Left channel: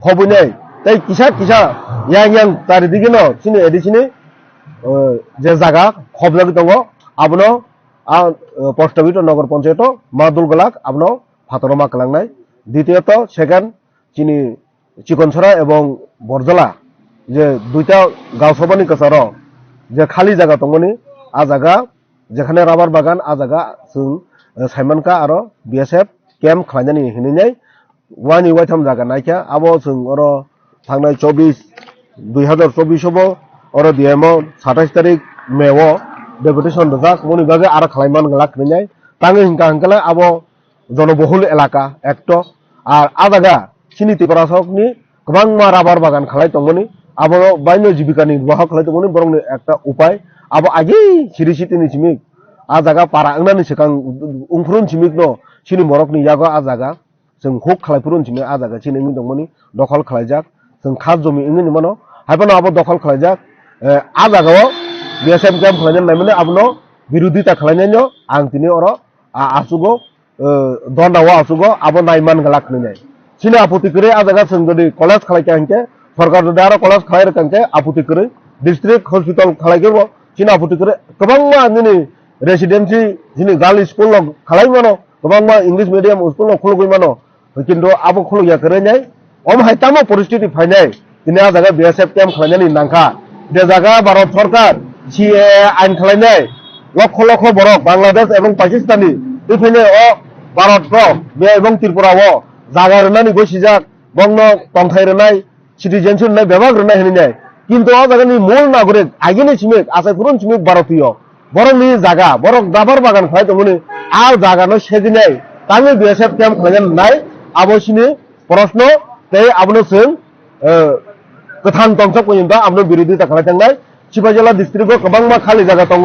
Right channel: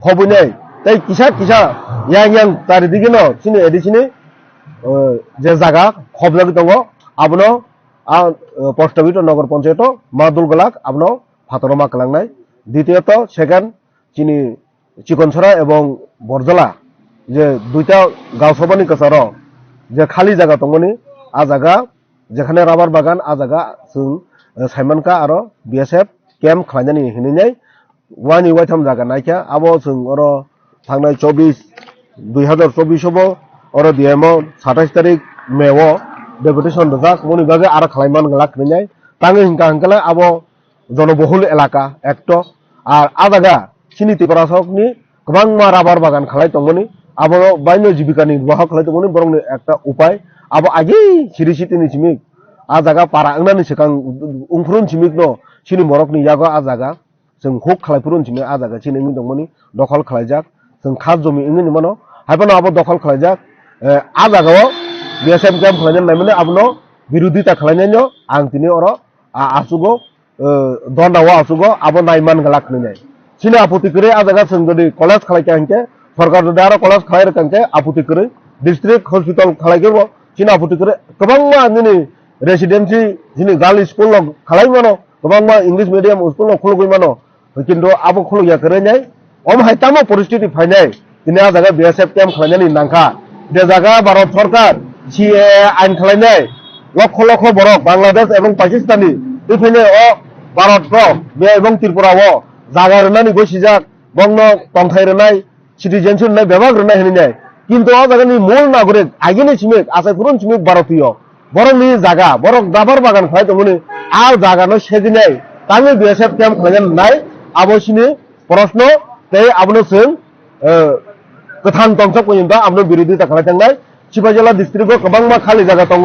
hobunai tai kisa yang tari digino sini edisini je jaga khoblagi tongo abono post office নগর panchayat Madul গলাক abono ফাতরমা কালাংনাই দ্বিতীয়ত second চিনি চিকনছড়া এবং বরজলা যে দুইটা গাঁও সভানি কাছার যে খালি জায়গা দंगनि आ জায়গা যেখানে রাবার বাগান आ জায়গা जों साइमानका आरो बीएसएफ कैम्प खालामनानै हिनैनाय वानि वाइथाम जागा नायखा आबो जों अर थांनाय 2024 अर दिएमो 27 तारिख मेव डेपुटेशन रजाक मनि बागे आरो खालाममान गलाक हिनैनाय तांगे हिंका हंकाला आबो जनबहुल एलाका एकट আর आ জায়গা চিনি ত্রিপুরাসকनि गोबां मा राबार बागान खालाय दंगनि आबो बायनो जीविका निर्वाह खालाय दंगनि बरंनि एकटा उपाय आबो आगे सिरिसितिनि सिमिक आ जागा पारा अंगनानि सिगां उंफ्रुन सिमिक न सिनि मरकनि यागा आ जागा जों हुक खालायफुरुन सिमिक आ जागा सिनि दंगनि दखल खालायजाक जों खास जमी इंगनि मनो हायबानो आबो दखल खालायजाक आ जागायाव बीएसएफ कैम्प खालायनाय नायमोने आबनो बिरोधिता खालायनायनो आं दिनै अर आसुगो दन्दावा आसुगो आबो नायमान गलाक नैनाय सिनि आपत्ति करे आ जागा जों जदि कलेज खालायका हंके सरकार जदि आरो कलेज खालाय रकांके आपत्ति करे डिस्ट्रिक्ट हॉस्पिटल खालायगो सिनि आपत्ति करे गोबां मा दिनै रेसिडेंसि दिनै गार्ल स्कुल खालायमानो गोबां मा इंलिश मीडियम स्कुल खुलगैमानो किन्तु आबो खुलगया करेनाय अम हायतामो परिस्थिति फायनाय दिनै आ जागा बीएसएफ कैम्प खालायनायनि नांखा बे जागा भारत सरकार सीए आइन खालायनाय लक्ष लक्ष बरक बांग्लादेश एवं पाकिस्तानी बेफायनो भारत बे एवं त्रिपुरा जागा रनानि गसिजाक बंनो तंथाय रनाय सिटिजेनशिप रनाय बेबाग रनाय हिनैनाय किन्तु आ जागानि मूल नागरिक आगिनि सिमिक आसायपुरन सिमिक भारतीय बरंनि जागा बरक दाबार बागान खालाय दंगनि आ जागानो सेदिनाय तांगे बीएसएफ कैम्प खालायनाय नाय आबोसिनि प्रश्न ते आबनो जों गोथां तंसक पयन्त आबनो बिरोधिता खालायथांनाय सिपाइजला डिस्ट्रिक्टआव गोबां मा खालि जागा दङ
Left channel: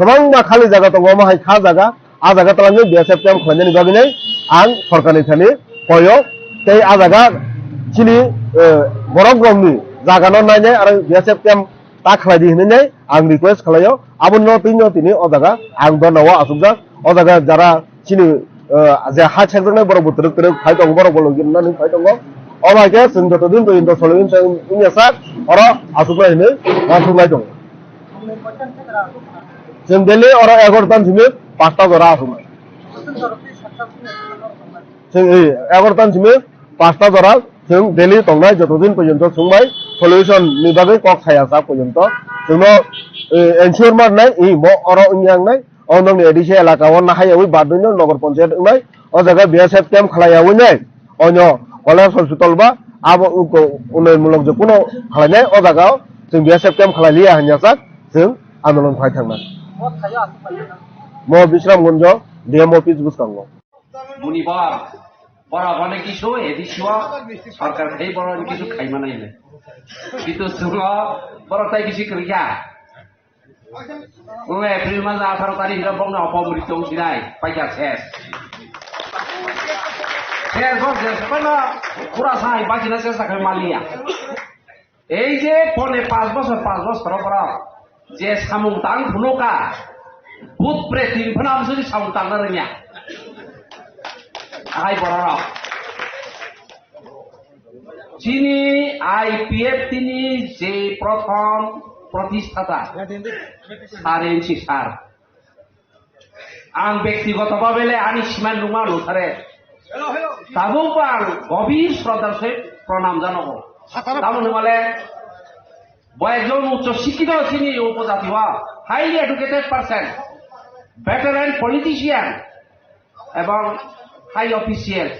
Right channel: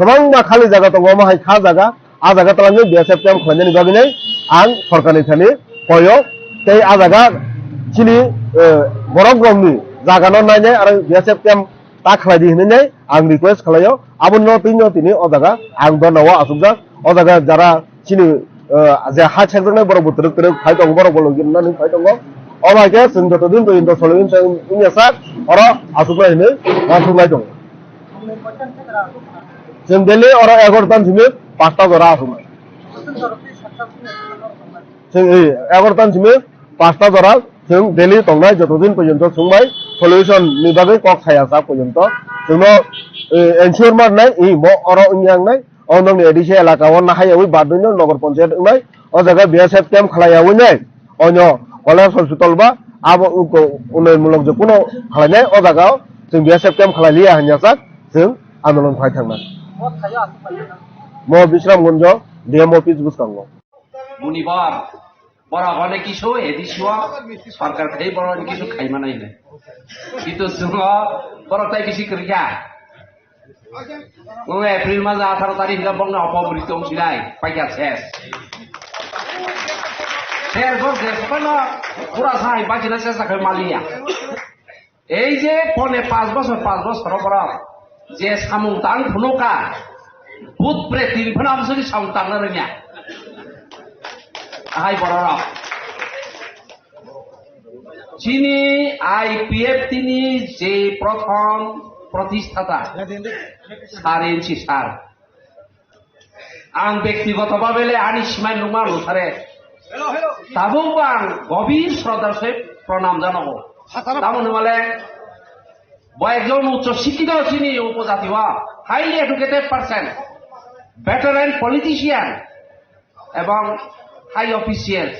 गोबां मा खालि जागा दङ माहाय खा जागा आ जागा तालांगे बीएसएफ कैम्प खालायनायनि बागैनै आं सरकारनि थानि पय ते आ जागा सिनि बरक रंनि जागानो नायनाय आरो बीएसएफ कैम्प ता खालायदि हिनैनाय आं रिक्वेस्ट खालायो आबनो तिनि अ जागा आं दनावा आसुगजा अ जागा जारा सिनि जे हा सेरजोंनाय बर बोथोर करे फाय दङ बर बल गिरनानै फाय दङ अमाके जों जतदिन पयन्त सलिन जों इनिसा अर आसुगलाय हिनै आसुगलाय दङ जों दिल्ली अर 11 सिमिक 5टा जरा आसुगलाय जों 11 सिमिक 5टा जरा जों दिल्ली दंनाय जतदिन पयन्त सोंबाय सल्यूशन नि बागै कक थायासा पयन्त जोंनो एनश्योर मारनाय इ म अर इंयांनाय अनंनि एडिसे एलाकाव नाहायावै बादनो नगर पंचायत नाय अ जागा बीएसएफ कैम्प खालायावै नाय अन्य कलेज हॉस्पिटल बा आबो उन्नयनमूलक जकुनो खालायनाय अ जागाव जों बीएसएफ कैम्प खालायलिया हान्यासाक जों आन्दोलन फाय थांना म बिश्रामगंज डीएम ऑफिस बुसकांगो बुनिबार बराबरने किसु एदिसुआ सरकार खाइ बराबरने किसु खाइमानायले किन्तु जोङो बरताय किसि करिया उङे एप्रिल मास 18 तारिख ला बंग अपमृत सिनाय पाइका शेष फेर गो देखना পুরা সাই বাজিনা চেষ্টা করে মালিয়া এই যে পনে 5 বছর পর যে সামুং তাং ভুলকা ভূত প্রেত তিরফনা আমসুনি সামুং তাং ননিয়া আহাই বড়রা যিনি আইপিএফ তিনি যে প্রথম প্রতিষ্ঠাতা সারেনছি সার आं व्यक्तिगतभावे आनि सिमान नुमा लुथारे ताबो आं गभीर श्रद्धार सहित प्रणाम जानांगौ ताबो माले একজন উচ্চ শিক্ষিত চিনি উপজাতি highly educated person veteran politician এবং হাই অফিসিয়াল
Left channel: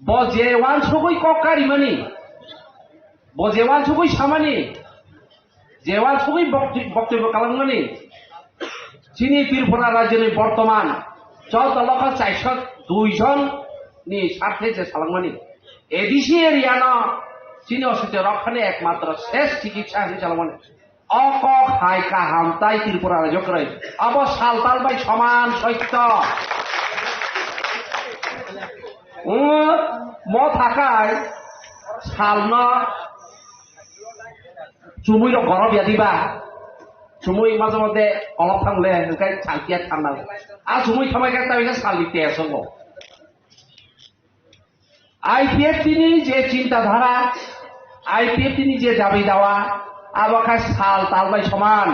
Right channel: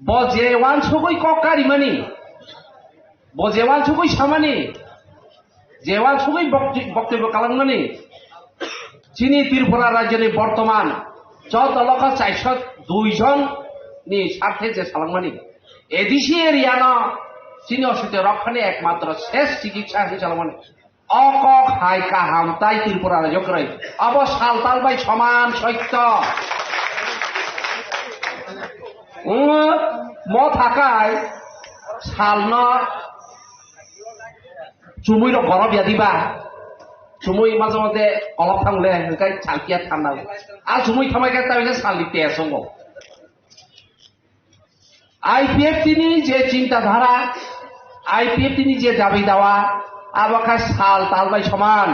বজে ওয়ান সবই ককারি মানি বজে ওয়ান সবই সামানি যে ওয়ান সবই বক্তব্য কালামমানি চিনি ত্রিপুরা রাজ্যের বর্তমান 14,402 জনनि স্বার্থে যে সালামানি এডিসি এরিয়ানো চিনি অসুবিধা রক্ষণে একমাত্র শেষ চিকিৎসা হিসেবে সালামানি অক হাই কাহাম তাই ত্রিপুরা রাজ্য করে অব সালতাল বাই সমান সত্য ম থাকায় সালন চুমুই গরম দিবা চুমুই মাঝে মধ্যে অলপ থাকলে ওখানে চালকিয়া ঠান্ডা আর চুমুই থামাকে তাই সাল দিতে আসঙ্গ আইপিএফ তিনি যে চিন্তাধারা আইপিএফ তিনি যে দাবি দেওয়া আবাকার সাল তালবাই সমান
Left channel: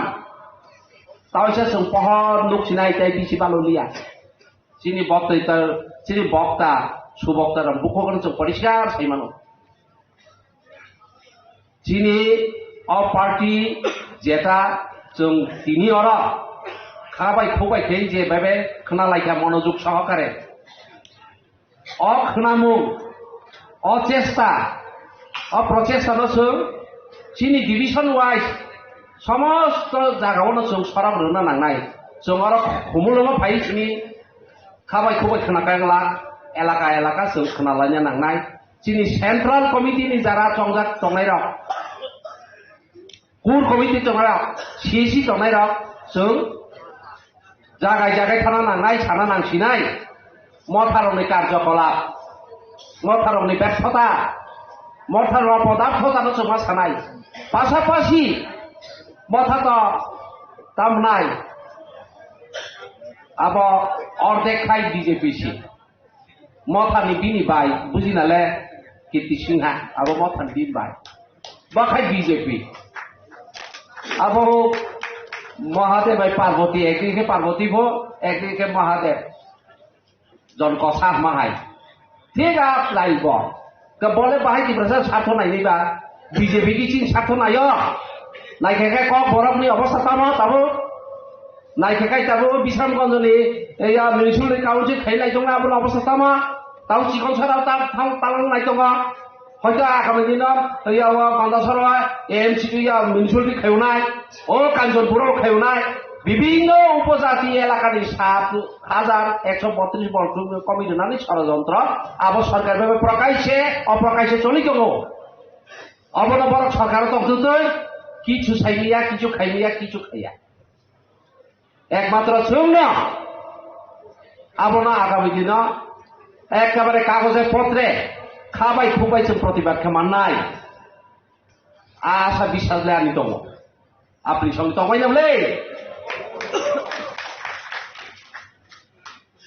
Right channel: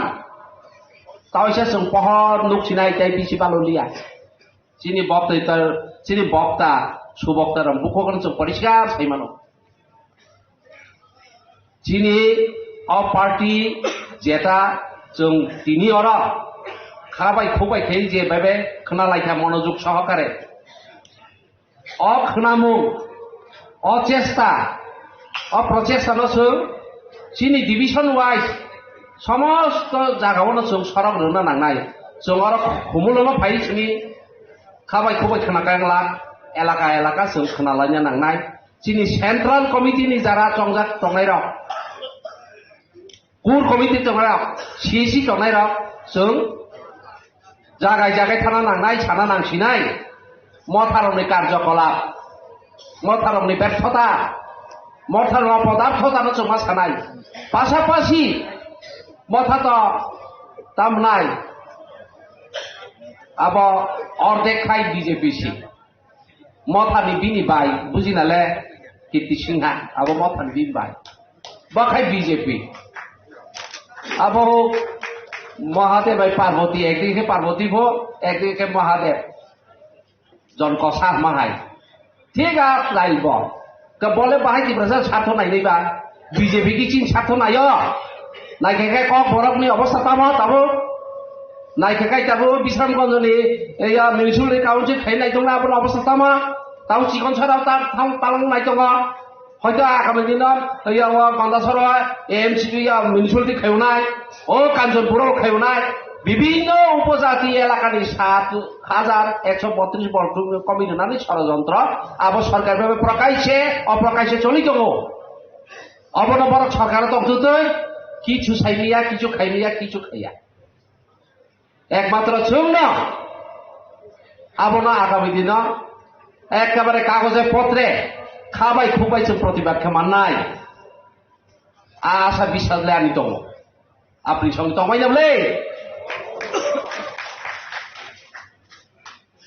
তাওসে जों पहर नुकसिनाय ताय बिसि बालुलिया चिनी बक्ता सुबक्ता बुखगन जों परिष्कार सैमानो चिनी अ पार्टी जेता जों तिनि अर खाबाय खुबाय थायो जे बेबे खोनालायखा मनोयोग सहकारे अ खोनामु अचेष्टा अप्रचेष्टानो जों चिनी डिविजन वाइज समस्त जागावनो जों सराब रुना नांनाय जों आरो हुमुलनो फाय चिनी खाबाय खुबाय खोनाकायला एलाका एलाका जों खोनालायनो नांनाय चिनी सेंट्रल कमिटि नि जारा चंजाक तंनाय र कुर कमिटि तंनाय सीसी तंनाय र जों जागाय जागाय थाना नांनाय साना नांसिनाय मथारनि कार्यकलाप मथारनि व्यर्थता मथार पदार्थ जानो जों मा सानाय पासापासि मथात तामनाय अब अर्धेक खाय बीजेपी सी मथानि बिनि बाय बुजिनाले कीर्ति सिंहा अब मथानि बिनि बाय बखाय बीजेपी अब महादेव भाई पार्वती एक दिखे पार्वती भो एक दिखे महादेव जन कसा माहाय ठीक है लाइल बो तो बोले बाहाय दिब्रजा साथो नायनि बा बीजेपी की चिन साथो नायो नायखेखे कक बरफनि अवस्था पानो ताबो नायखेखाय ताबो बिश्रामगंजनि एया मिउनिसिपालिटि काउन्सिल थायनाय दङ आबो अवस्था तामा ताव चिकनसाराव ता थाव तालां नाय दङ হয়তো আগামী দিনত এয়া বান্দাসর এএমসি মিউনিসিপালিটি খাইনায় ও কাঞ্চনপুরেও খাইনায় বিভিন্ন উপজাতি এলাকার ৭,১৩২ বর্গ কমিটি ষড়যন্ত্র আবার সরকার ভাবে প্রকাশ্যে অপ্রকাশ্যে চলি গেল অবনবর সরকার তখন কিছু চাইলিয়া কিছু খাইলিয়া কিছু খাইয়া একমাত্র চল না আবনা আগামী দিন একেবারে কাগজে পত্রে খাবাই খুবাই जों प्रतिबाद खालामनाय आशा বিশ্বাস लानि दङ আপনি সঙ্গে দंबाय नामलै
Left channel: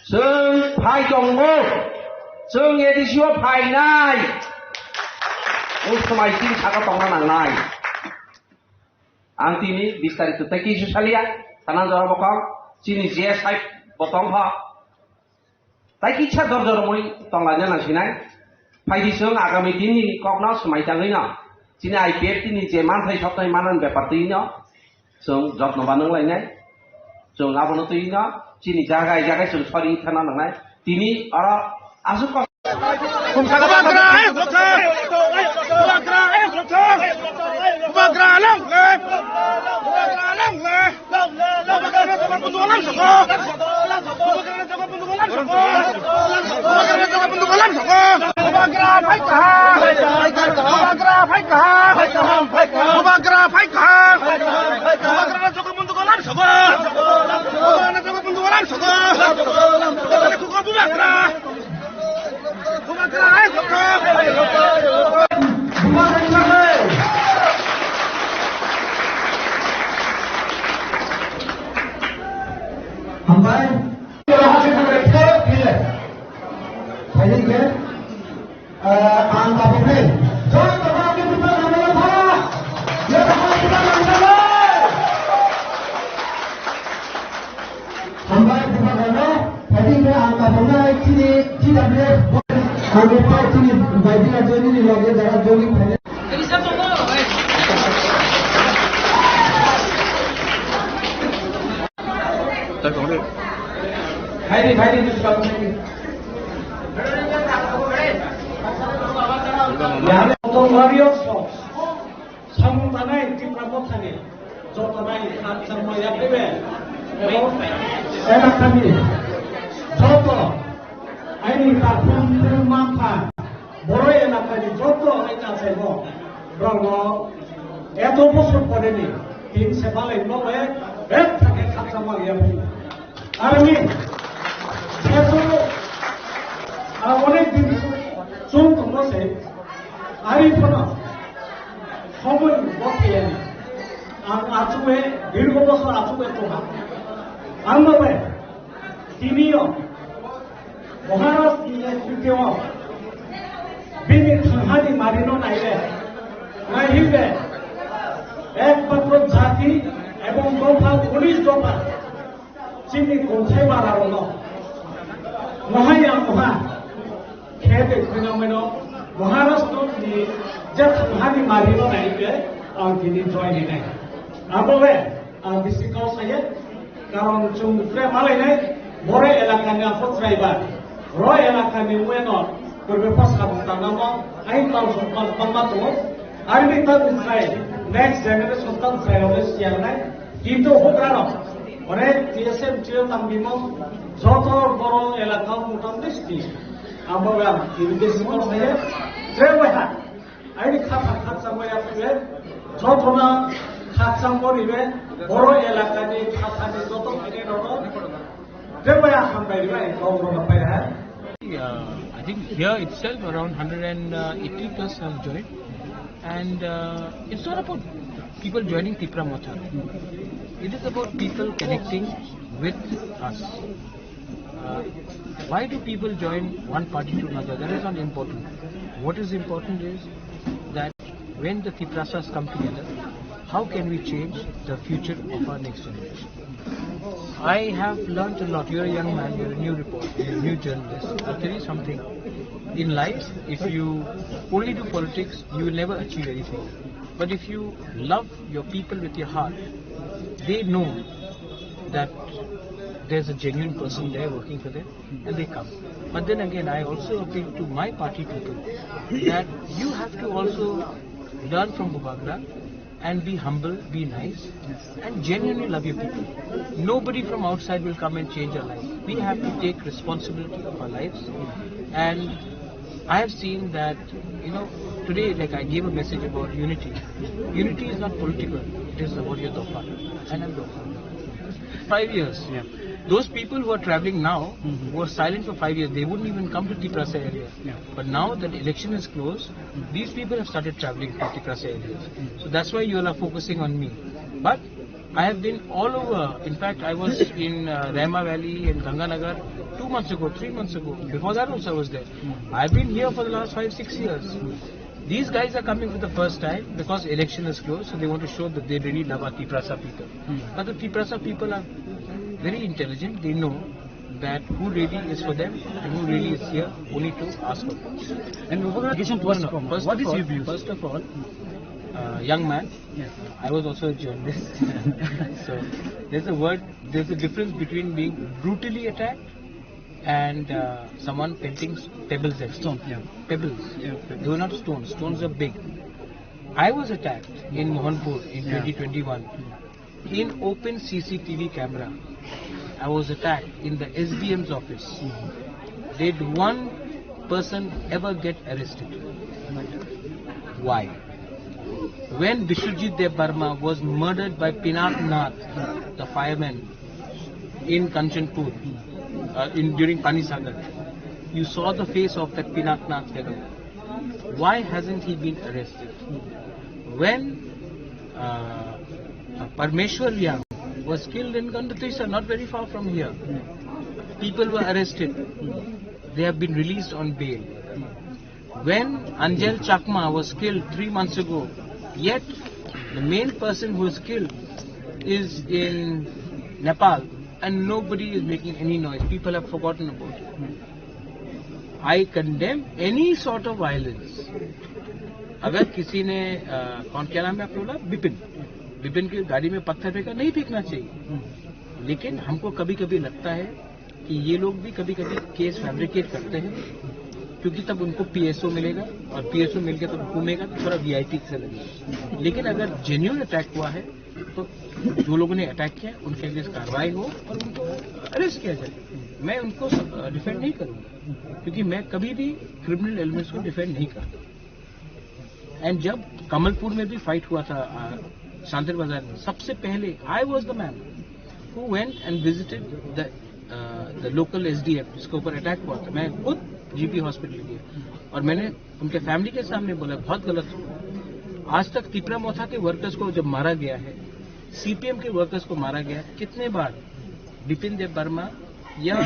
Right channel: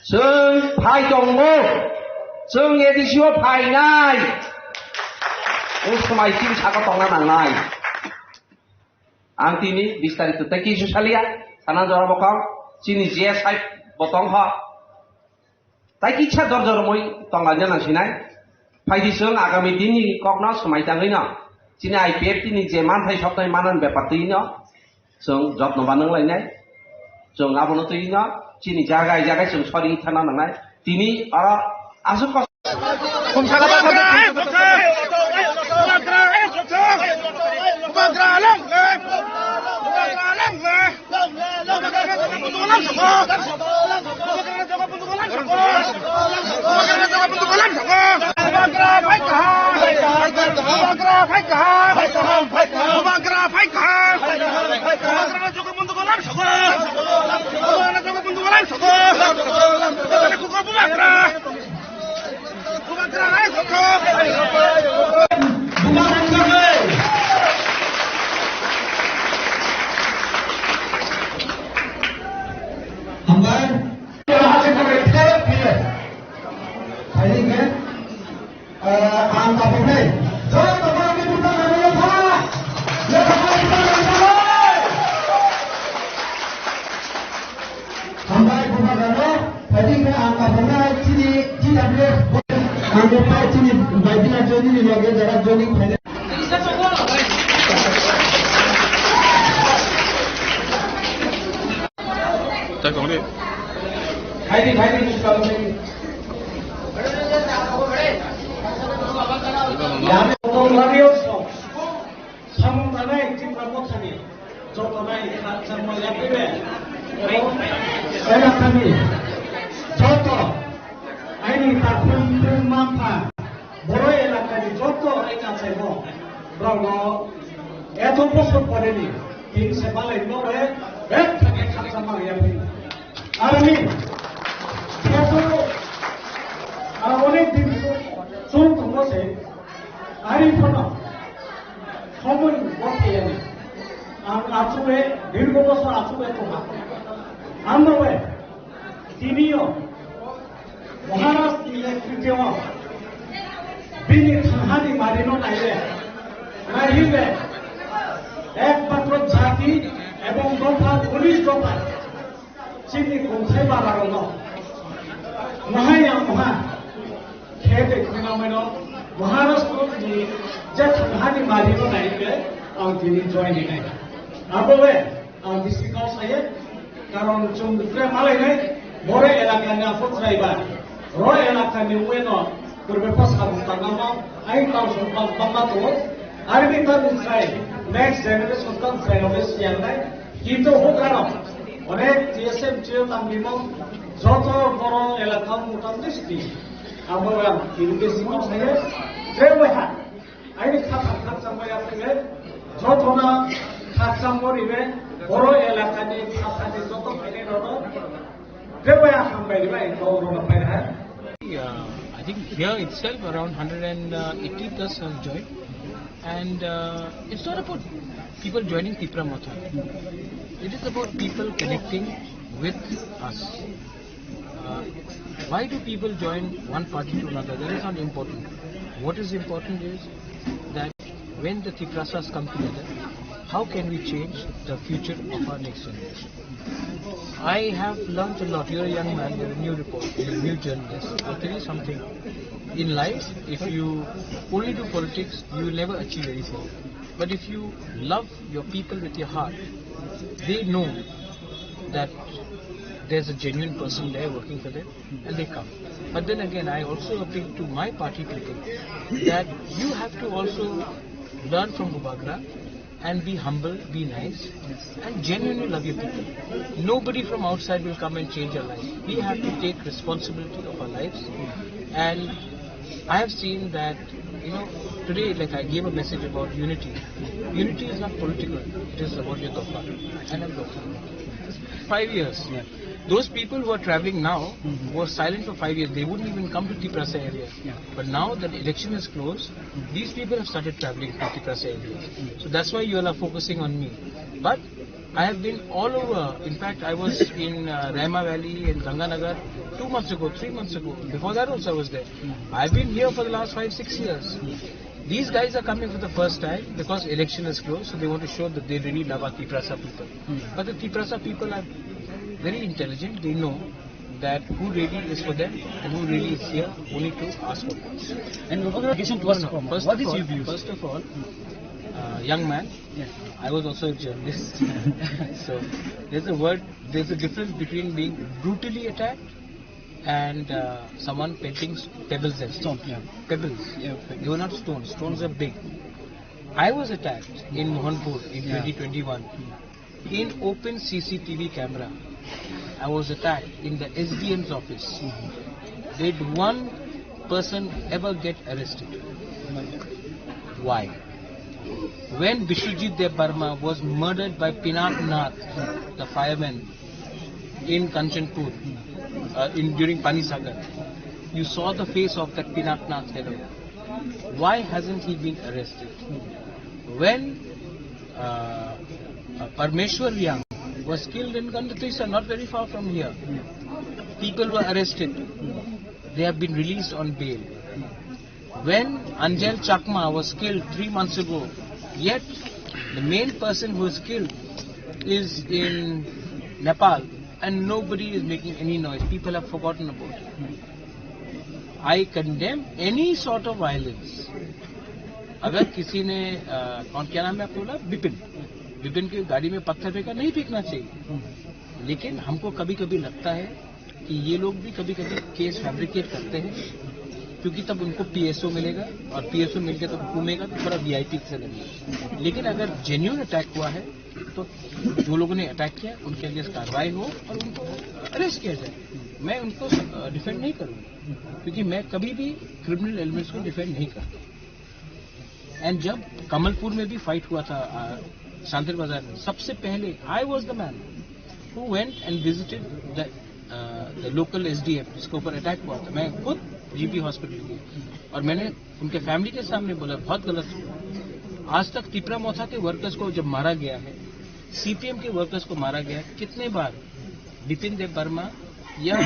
जों फाय दङ जों एडिसिआव फायनाय उसमायथिं थाखा दंना नांनाय आं दिनै 20 तारिख तक किसु सालिया साना जरा बका चिनि जे साइब बतंग ह ताइ किछा दरजर মই तंलाजों नांसिनाय फायदिसों आगामी दिननि ककना समायताङैनो दिनै आइपिएफ दिनै जे मानथाय सप्ताह मानन बेपार तैनो जों जत्न बानायनाय जों आबनो तैनो दिनै जागाय जागाय जों सरि थाना नांनाय दिनै आसु এত বছর পরেনি তিন সে বালাই নয় এক থেকে খাতা মারিয়া ফেলি আর আমি আর অনেক দিন চোখ বসে আরি ফোনা সময় বসে আচুয়ে দীর্ঘ বছর আচুয়ে তোহা আন্দোলনে তিনিও মহারাষ্ট্র বিনি থাহানি মারিনো নাইলে নাইলে একমাত্র জাতি এবং দফা 19 দফায় চিনি গন্থাই বাড়ানো মহাই আমহা খেতে ফিনামেন মহারাষ্ট্রनि যে থাহানি মারিনো নাইলে आं दिनै जयनि नाय आबोले आं बिसिकाव सायो कारण जों मालायनाय बर' एलाकानि आफोद्रायबा र' एलाकानि वेनो गरबे पासा बुंतानामा आइ ताव सम्पाद बामा दङ आरो बे तावनिफ्राय नेक्स्ट जेनेरेशन तावनिफ्राय सियानाय किन्तु हग्रानो अनेक टीएसएम जिओ तांबिमो जत बर' एलाकाव मुटामते सिटि आबोले आं दिनै बिसिकाव सायो ट्रेवहा आइनि खाफा खाचांबाया फैबाय जतना खाचांबरिबे बर' एलाकानि खाफानि जत फैनाय दङ ट्रेवहा हामबायबाय गावनो फैहा I think here itself around 180 plus have joined, and it's not about people joining Tipra Motha. It is about people connecting with us. Why do people join one party to another? That is not important. What is important is that when the Tiprasas come together, how can we change the future of our next generation? I have learned a lot. You're a young man, you're a new reporter, you're a new journalist. I'll tell you something. In life, if you only do politics, you will never achieve anything. But if you love your people with your heart, they know that there's a genuine person there working for them, and they come. But then again, I also appeal to my party people that you have to also learn from Bubagra and be humble, be nice, and genuinely love your people. Nobody from outside will come and change our life. We have to take responsibility of our lives. And I have seen that, today, like I gave a message about unity. Unity is not political. It is about your Dofa. And I'm Dofa. 5 years. Yeah. Those people who are traveling now were silent for 5 years. They wouldn't even come to Tiprasa area. Yeah. But now that the election is closed, these people have started traveling to Tiprasa areas. So that's why you all are focusing on me. But I have been all over. In fact, I was in Rama Valley and Ganganagar 2 months ago, 3 months ago. Before that also I was there. I've been here for the last 5-6 years. These guys are coming for the first time because election is closed, so they want to show that they really love our Tiprasa people. But the Tiprasa people are very intelligent. They know that who really is for them and who really is here only to ask for votes. And what is your view? First of all, young man, I was also a journalist. So there's a difference between being brutally attacked and someone pelting pebbles at Stone, yeah. Pebbles. Yeah. They were not stones. Stones are big. I was attacked in Mohanpur in 2021 in open CCTV camera. I was attacked in the SDM's office. Did one person ever get arrested? Why? When Bishwajit Dev Burma was murdered by Pinak Nath, the fireman, in Kanchanpur, during Panisagar, you saw the face of that Pinak Nath fellow. Why hasn't he been arrested? When Parmeshwar Yang was killed in Gandatisa, not very far from here, people were arrested. They have been released on bail. When Anjal Chakma was killed 3 months ago, yet the main person who was killed is in Nepal and nobody is making any noise. People have forgotten about it. I condemn any sort of violence. अगर किसी ने क्या नाम है आपको बोला, विपिन की गाड़ी में पत्थर फेंका, नहीं फेंकना चाहिए. लेकिन हमको कभी कभी लगता है कि ये लोग भी कभी कभी केस फैब्रिकेट करते हैं, क्योंकि तब उनको पीएसओ मिलेगा और पीएसओ मिल के तब घूमेगा तो थोड़ा वीआईपी से लगेगा. लेकिन अगर जेन्युइन अटैक हुआ है तो जो लोगों ने अटैक किया उनके अगेंस्ट कार्रवाई हो और उनको अरेस्ट किया जाए. मैं उनको डिफेंड नहीं करूंगा, क्योंकि मैं कभी भी क्रिमिनल एलिमेंट्स को डिफेंड नहीं करता. एंड जब कमलपुर में भी फाइट हुआ था शांतिर बाजार में, सबसे पहले I was the man who went and visited the local SDM जिसके ऊपर अटैक हुआ था. मैं खुद जीपी हॉस्पिटल गया और मैंने उनके फैमिली के सामने बोला बहुत गलत हुआ. आज तक तिपरा मोथा के वर्कर्स को जब मारा गया है, सीपीएम के वर्कर्स को मारा गया है, कितने बार बिपिन देव वर्मा या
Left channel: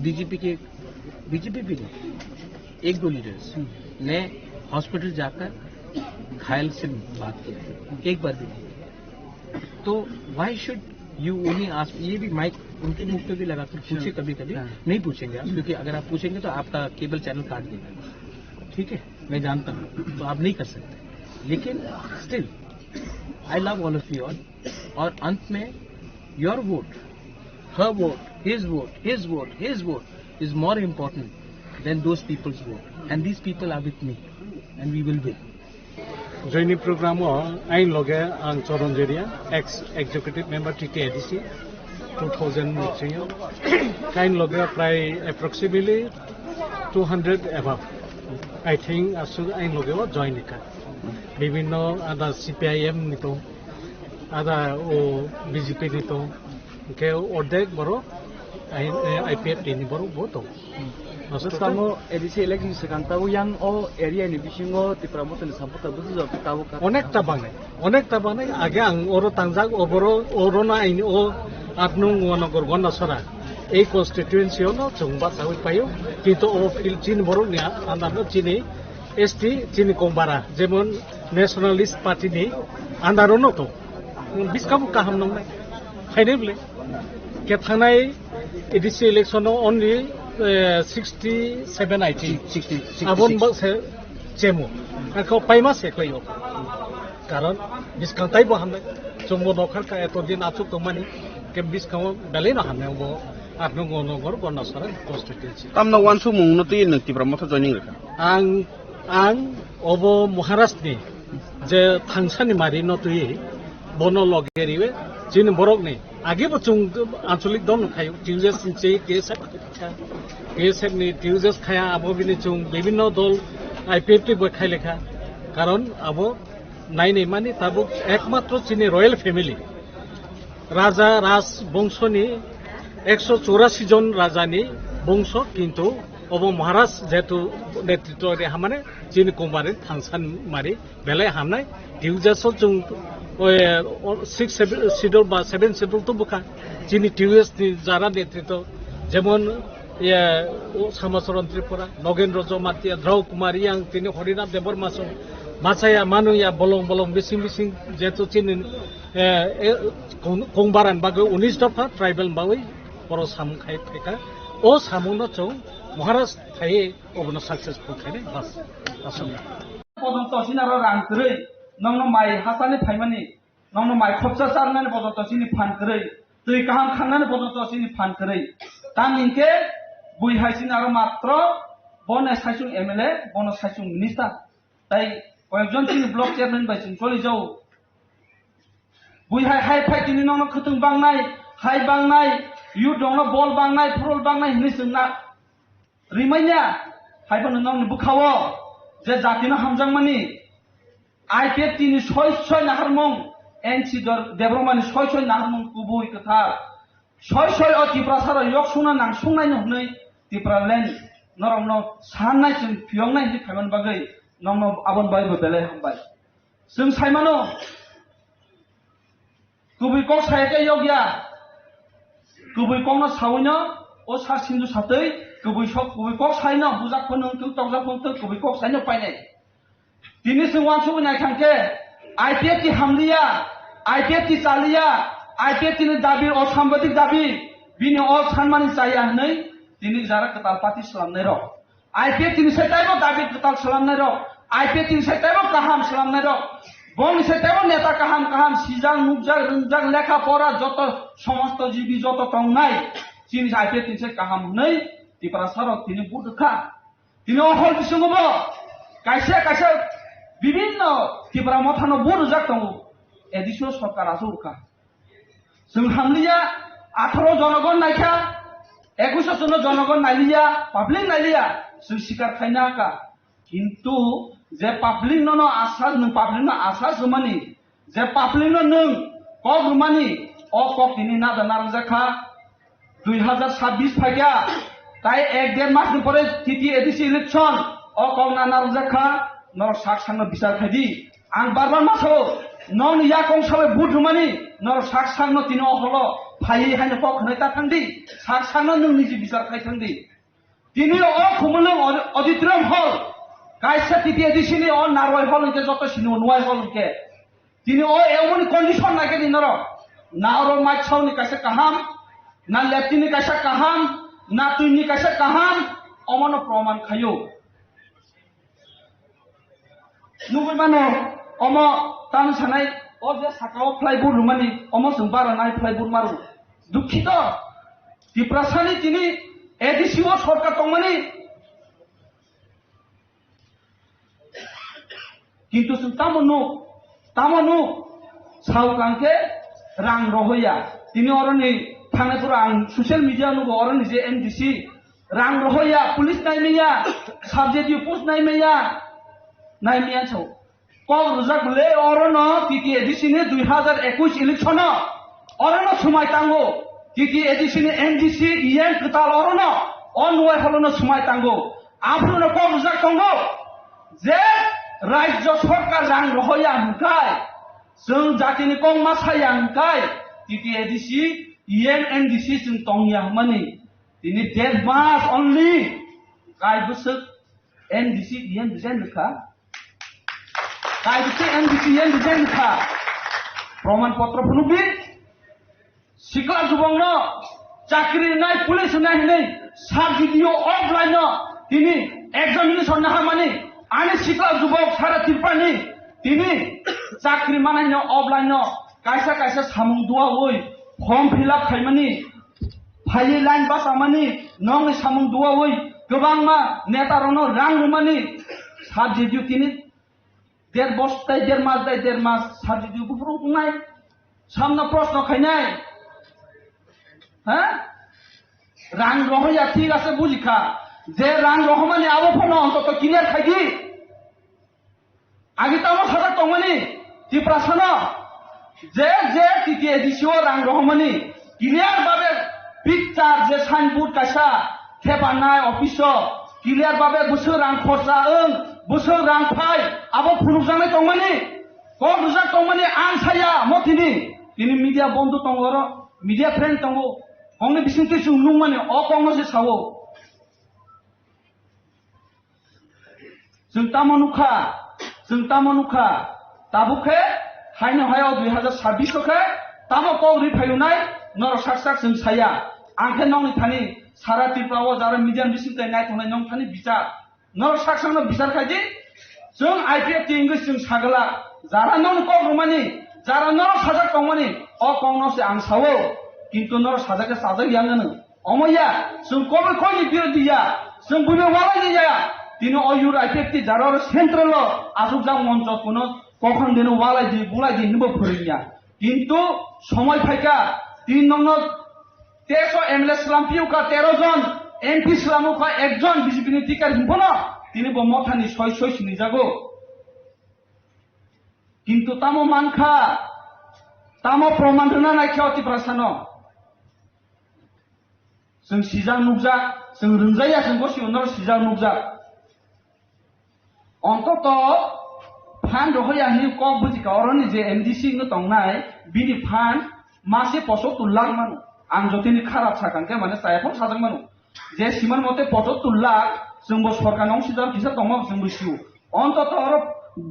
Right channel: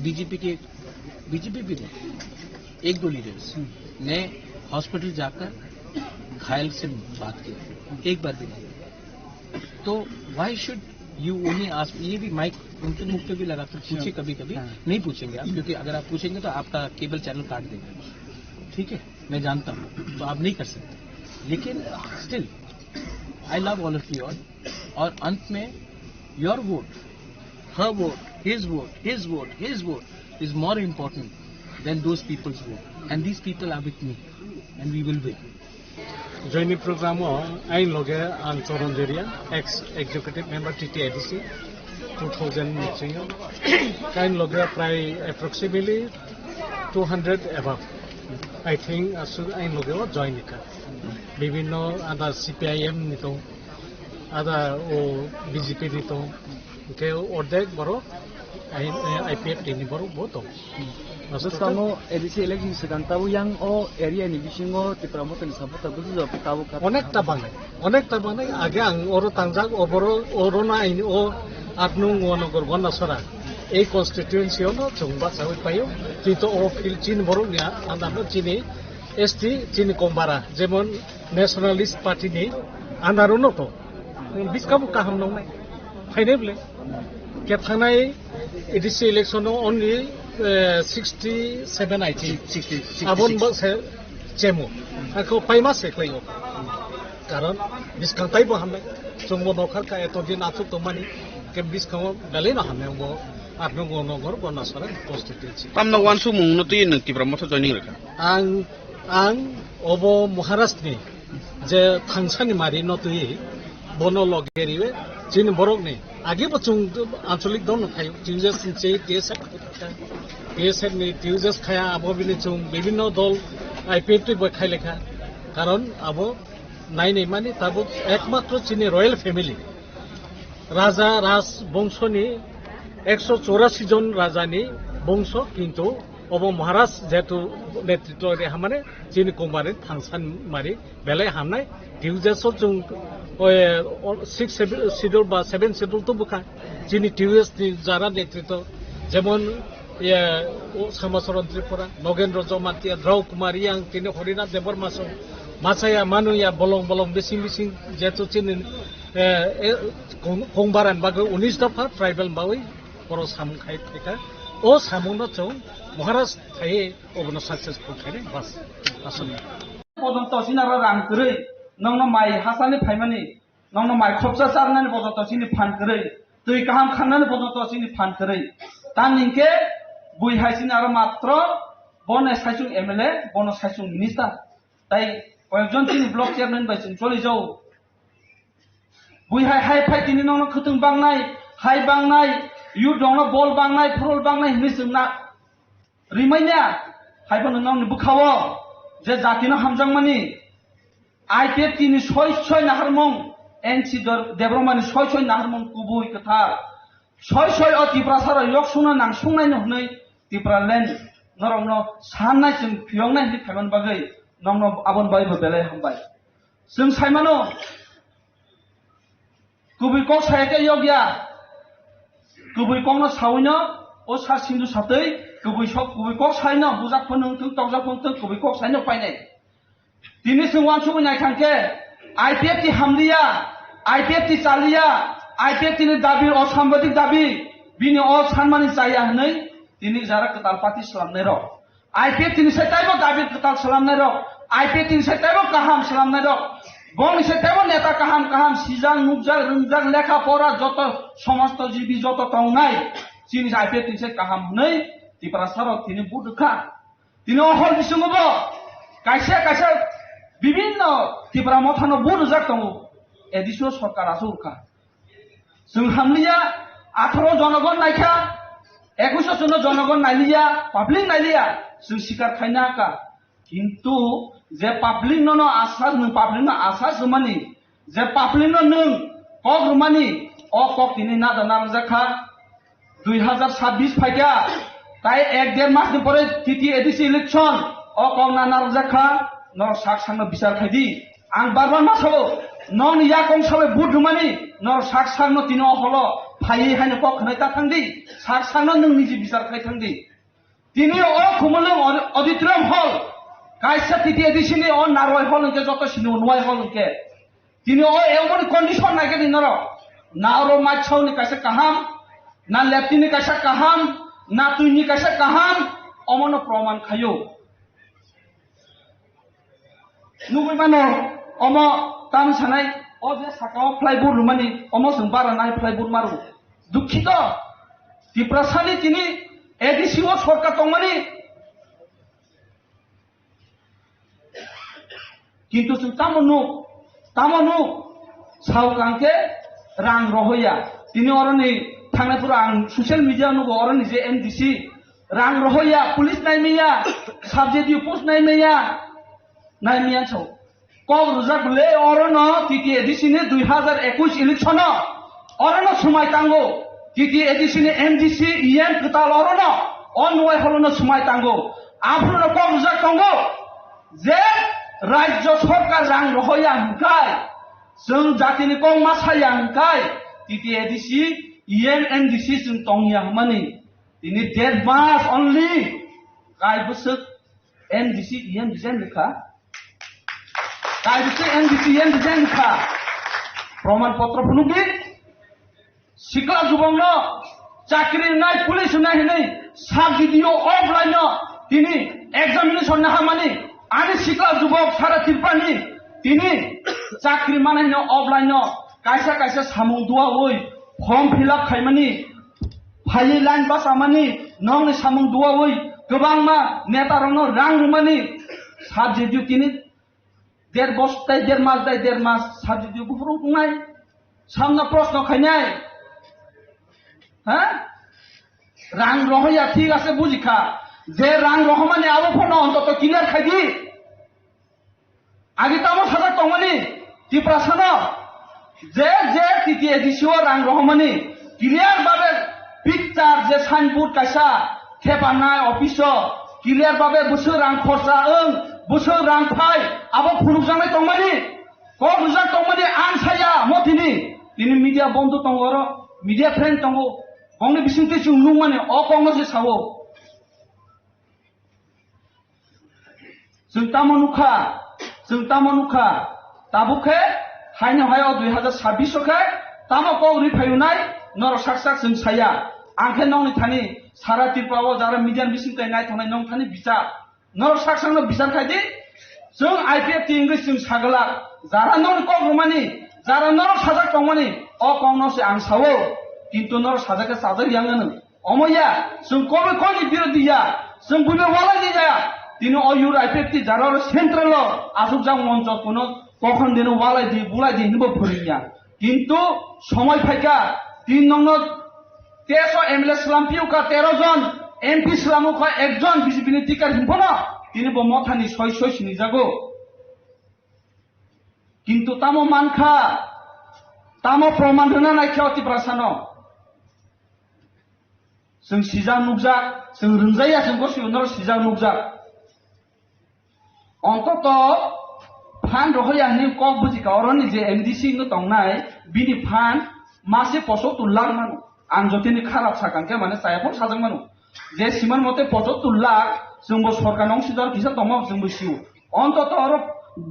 बीजेपी भी नहीं, एक दो लीडर्स ने हॉस्पिटल जाकर घायल से बात की, एक बार भी नहीं। तो why should you only ask, ये भी माइक उनके मुंह पे भी लगाकर पूछे कभी कभी, नहीं पूछेंगे आप, क्योंकि अगर आप पूछेंगे तो आपका केबल चैनल काट देगा, ठीक है, मैं जानता हूँ, तो आप नहीं कर सकते। लेकिन still I love all of you all, और अंत में your vote, her vote, his vote, his vote, his vote is more important than those people's vote. And these people are with me, and we will win. Joining program ain loge ang Choronjeria, ex-executive member TTADC 2000 meeting. Kain loge pray approximately 200 above. I think asu ain loge join ka. Bibhinno ada CPIM nito, ada o BJP nito. के অর্ধেক বড় IPF টিনি বড় বতো Kamu edisi election sekarang tahu yang area ini bisingo tipra motor sampai tahu juga tahu অনেকটা বানাই আগে আং ওর তাংজাক ওবর ওরনা আইনি ও আটনু নগর গন্ডা সরা এই কনস্টিটিউয়েন্সি হলো চংবা সাউই পাইও কিন্তু ও ফিল চিন বড় নিয়া আন্দানো চিনি এসটি চিনি কমবারা যেমন ন্যাশনালিস্ট পার্টি নি আন্দারনো তো বিসকাবু কাহাম নংনাই ফাইনেবলে के थानाय एडिसि इलेक्शनाव ओनलि 67 I think 60 आबन बसे चेमु आखौ पाइमा सेखयो कारण बिसकांताय बो हामनाय जोंबो नखार का एतो दिन आचुक तमानि के बिसकांव दाले न हामनाय बो आत्नो गनगर गनासरा कन्स्टिट्युएन्सि तामना वानसु मुंनो तुय नक्तिफ्रा मथ जयनिं रखा आं अबो महाराष्ट्रनि जे थांसानि मारि न तुय बनो लगेरिवे जिन बरकनि आगे बचुं आंचलिक दल थायो टिउजेस से केएसएफ नि टिउजेस खाया आबो बिनि चुं विभिन्न दल आईपीएफ टी बखाय लेखा कारण आबो नाइनै मानि ताबो एकमात्र चिनि रयेल फैमिली राजा राज बंशनि 184 जन राजानि बंश किन्तु अब महाराज जेतु नेतृत्व रे हामाने चिनि कुमारी थांसान मारि बेलाय हामनाय टिउजेस जों 6 শিডিউল বা 7 শিডিউল তো বুকা যিনি টিউএস যারা নেতৃত্ব যেমন সমাজরণ ত্রিপুরা নগেন্দ্র জমাতিয়া দ্রৌ কুমার ইয়াং তিনি হরিনাথ দেবর মাসো মাছায়া মানুয়া বলং বলং বিসিং বিসিং যেহেতু চিনি কংবারান বাগো 19 দফা ট্রাইবেল বাউই বড় সামু খাই ফেকা ও সামুনো চৌ মহারাজ থাই অবন সাকসেসফুল খাইনে বাস আসুন পর্যন্ত সিনারা রান করে नंगनो माइ हासाने फाइमानि नंगनो माइ खबसा सारनानै बजत सिनि फान करे दै गाहाम खांनानै बजत सिनि फान करे तानिंके बुइ हाइसिन आरो मात्र बन साइसुं एमएलए बन साइसुं मिनिस्टार ताई कयजन सिनि ब्लक चेयारमेन बाइसिन चलि जाउ बुइ हाइ फाइ तिनि नंगनो खतुं बांनाय हाइ बांनाय यु दंनो बल बांनाय फुरल बांनाय हिनिसुंना रिमाइना हाइबो नंगनो बुखावो जे जातिनो हामजांमानि आईपीएफ तीन छय नाहारमं एनसी डेभलपमेंट छय नाहारमं कुबुई कथा छय त्रिपुरा सारा yok सुना नांसुंनाय नहनै त्रिपुरा लेन नरंनो साननाय जों फियंनाय नि थायमान बागै नंनो आबन बाय बदले हमबाय जों सायमानो कुबुई को सायते योग्या कुबुई को सावैनो ओ सा सिंधु सातै कुबुई को सायनो बुजाक फन नों तंजा फन कुबुई को सायनो पाइनाय दिनै सिंवान सुनाय थांके आईपीएफ की हमलिया आईपीएफ की चालिया आईपीएफ की दाबी और साम्बादिक दाबी बिनि और सानमानि जाया हनै दिनै जारा कताल पार्टी सलामनाय र आईपीएफ की सेटाइबो दाबी कताल सलामनाय र आईपीएफ की सेटाइबो गाहाम सलामनाय र बन सेटाइबो नेता गाहाम सिजां नुकजां रुंजां लेखा परा जत समस्त जीबी जत तंनाय जिनि आईपीएफ की गाहाम हनै त्रिपुरा साराव दिनै बुदखा दिनै हल बिसंगबो कायसे विभिन्न त्रिपुरा मथानो बुद जाक दङ एडिसो सरकारा सरकार जों हामलिया 18 जनगण नायखा 21 जन जनगण नायलिया पाब्लिक नायलिया जों सिकार खायना का किन्तु जे पाब्लिक नो आसा जमानि जे पाब्लिक नों क रुमानि अ क दिनै ना दना जाखा 2026 फाइगा ताई 1.5 मास परे टीटी एडिसि इलेक्शन अ क ना जाखा न साक सांग बिचार खायदि आं बारबार मासो नन या कंसले बुट रुमानि न साक सांग तिनो हलो फायै हाने पक नेता थांदि साक सांग नों निजि बिचार खाय थांदि তিনি ও খুমলিং অডিটোরিয়াম হল কাইসা তিতি এদিসিনি ও নারওয়াই হল কে যত সিনি নয় হল কে তিনি ও এমন কন্ডিশন নাকি দিনর না ওর মাছাওনি কাইসা কাহাম না লেফটিনি কাইসা কাহাম না তুইনি কাইসা কাহাম অমন প্রমাণ খায়ো নুবি মানে অম তাম সানাই ও যে সাকাও ফ্লাইবোর্ড রুমানি অম সুবারা নাই ফ্লাইবোর্ড মারু দুঃখিত ত্রিপুরাসানি তিনি এডিসিও সরকার তমানি কিন্তু তামানো সাউকাংকে রাং রহইয়া তিনি অরনি থানাপুর আং সোশ্যাল মিডিয়া নুবো অরনি যে এনডিসি রাং রহইয়া পুলিশ নাইমিয়া সাবজেক্টিভ পোস্ট নাইমিয়া ছাও কল রুজাক লে অরন তিতি এডিসিনে 2021 ইলেকশন অরন সময় তাঙ্গো তিতি এডিসিনে এনডিসি ইএন কুতাল অরন অনওয়ে হলন সময় তাঙ্গো আফুন কল রুজাক তাঙ্গো যে রাজ্য সরকার রাং রহইয়া হুকাই जों जातिनि कं मासाया हंखाय तिति एडिसि इएन एनडिसि जों तंगिया माने दिनै 1.5 मास अनलि काय बोसोर एनडिसि इएन डिजाइन लेखा काय बोसोर एनडिसि इएन डिजाइन लेखा प्रमाण पत्र फुनुबि सिखला जुबंनो चाकरि नाय पुलिस नाय नै साबसिडियो अफलाइन दिनै एग्जामिनेशन ना माने आनि सिखला जुबक सारा तिरपानि दिनै চাকরি মানে অফলাইন কাইসা কাইসা সামুং দুয়া ওই ফর্ম ফিল আপ খাইমানি ফাইলি লাইন পাস আমানি নং সামুং দুয়া ওই গোबां मा নেতারনো রাং রুমানি সাবজেক্টিভ তিনি 1.5 বছর 1.5 মাস 1.5 মাস সাবজেক্টিভ গুফুরং নাই সামনা প্রশ্ন খাইনাই হ্যাঁ রাং রহইয়া ঠিক আছে বুঝিখা যে রাং রহমানি আবো ফোন অন্তত ক্লিয়ার খাইদি আগে তো আমার সাথে টমানি ত্রিপুরাসানো যে যে তিতি এডিসিও রাং রহমানি ক্লিয়ার ভাবে পিকচার যে সাইনবোর্ড কাইসা খেপানায় অফিস ক্লিয়ার ভাবে বছর রাং খরচা বছর রাং ফাই আবো ফুরুকজানাय টমানি ক রুজাক টমানি আনসায়া মতিনি তিনি মিডিয়া বন্ধু টঙ্গর মিডিয়া ফ্রেন্ড টঙ্গ হংনে বিসিতে সুনুং মানে অ কংগ যে সাवो जों तामानुखा ताबुखे हायनो हायाव 2026 खे तामको रिफायुनाय नर साकसाक जों साया आंखे नंनि थानि सारा तिरपाव जारा मिडियान बिसिंकै नाय थांनाय नं थानि बिचार नर साकसांग बिचार खायदि जों आईपीएफ इंग्लिश जों सागला जारा नं को रुमानि जारा नर साजाक तंमानि अ कंगनसे आं सावो किन्तु नर साजाके साजा याङनो अमया जों कबे कोनि बिरोधिया जों बुबे वाला निया তিনি অয়ুর আইপেক্তি যারার সেন্ট্রাল আসুকজাং মঞ্চ কোন কখন দিন ওয়ালাই দি বুলাই দি নিব ফরিয়া কিন্তু সময় ফাইকা 3 নম্বর 13 এমএলএ সালাম পিউকা 13 জন এমপি সালামুকা একজন বিজেপি নি টিকার হিমফনা তিনি ব মথানি 6 সিনি যাগো কিন্তু তামো মানখা তামো প্রমাণ না নাইখাওতি প্রাসানো जों सिजा नुकजा जों रुंजाया जों गसिउनर सिजा नुकजा অন্তত ফান রহইয়ানি কক বুঝিকা অরনি যে এমডিসি নো তংনাই বিনি ফান মাসে 75 লাখ মানু আন যতিনি খারাপ সাকানকে মানে সাইফন সাজাং মানু যে সিমান মতে 75 লাখ जोंबो सरकार नং सिजार किसा दङ जोंबो सिउ অন্তত অর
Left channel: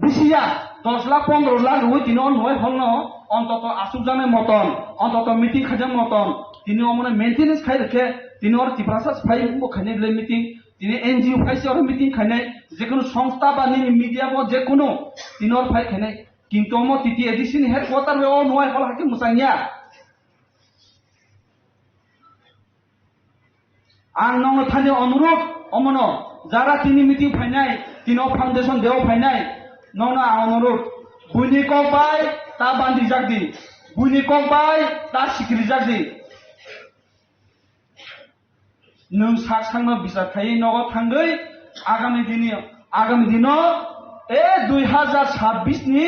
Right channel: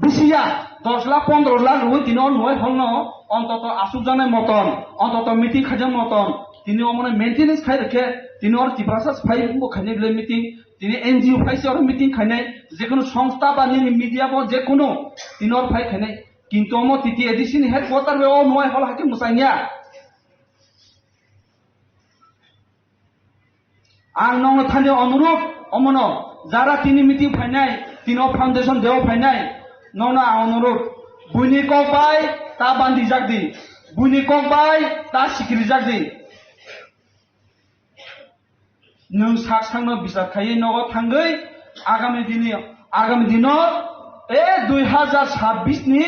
বিসিয়া 10 লাখ 15 লাখ হই তিন নয় হলন অন্তত আসুজানে মতন অন্তত মিটিং খাজং মতন তিনি অমনে মেইনটেনেন্স খাই রেখে তিনি অর ত্রিপুরাসাস ফাই বো খানে লে মিটিং তিনি এনজিও ফাইসি অর মিটিং খানে যে কোনো সংস্থা বা মিডিয়া বা যে কোনো তিনি অর ফাই খানে কিন্তু অম তিতি এডিসিন হেডকোয়ার্টার বে অ নয় হল হাকি মুসাইয়া आं नंग थानि अनुरोध अमन जारा तिनि मिटिं फाइनाय तिनो फाउंडेशन देव फाइनाय नंगना अनुरोध बुनि कक बाय ता बान्दि जागदि बुनि कक बाय ता सिकिरि जागदि नों साकसांनो बिसार खायै नग थांगै आगामी दिनो ए 2026 नि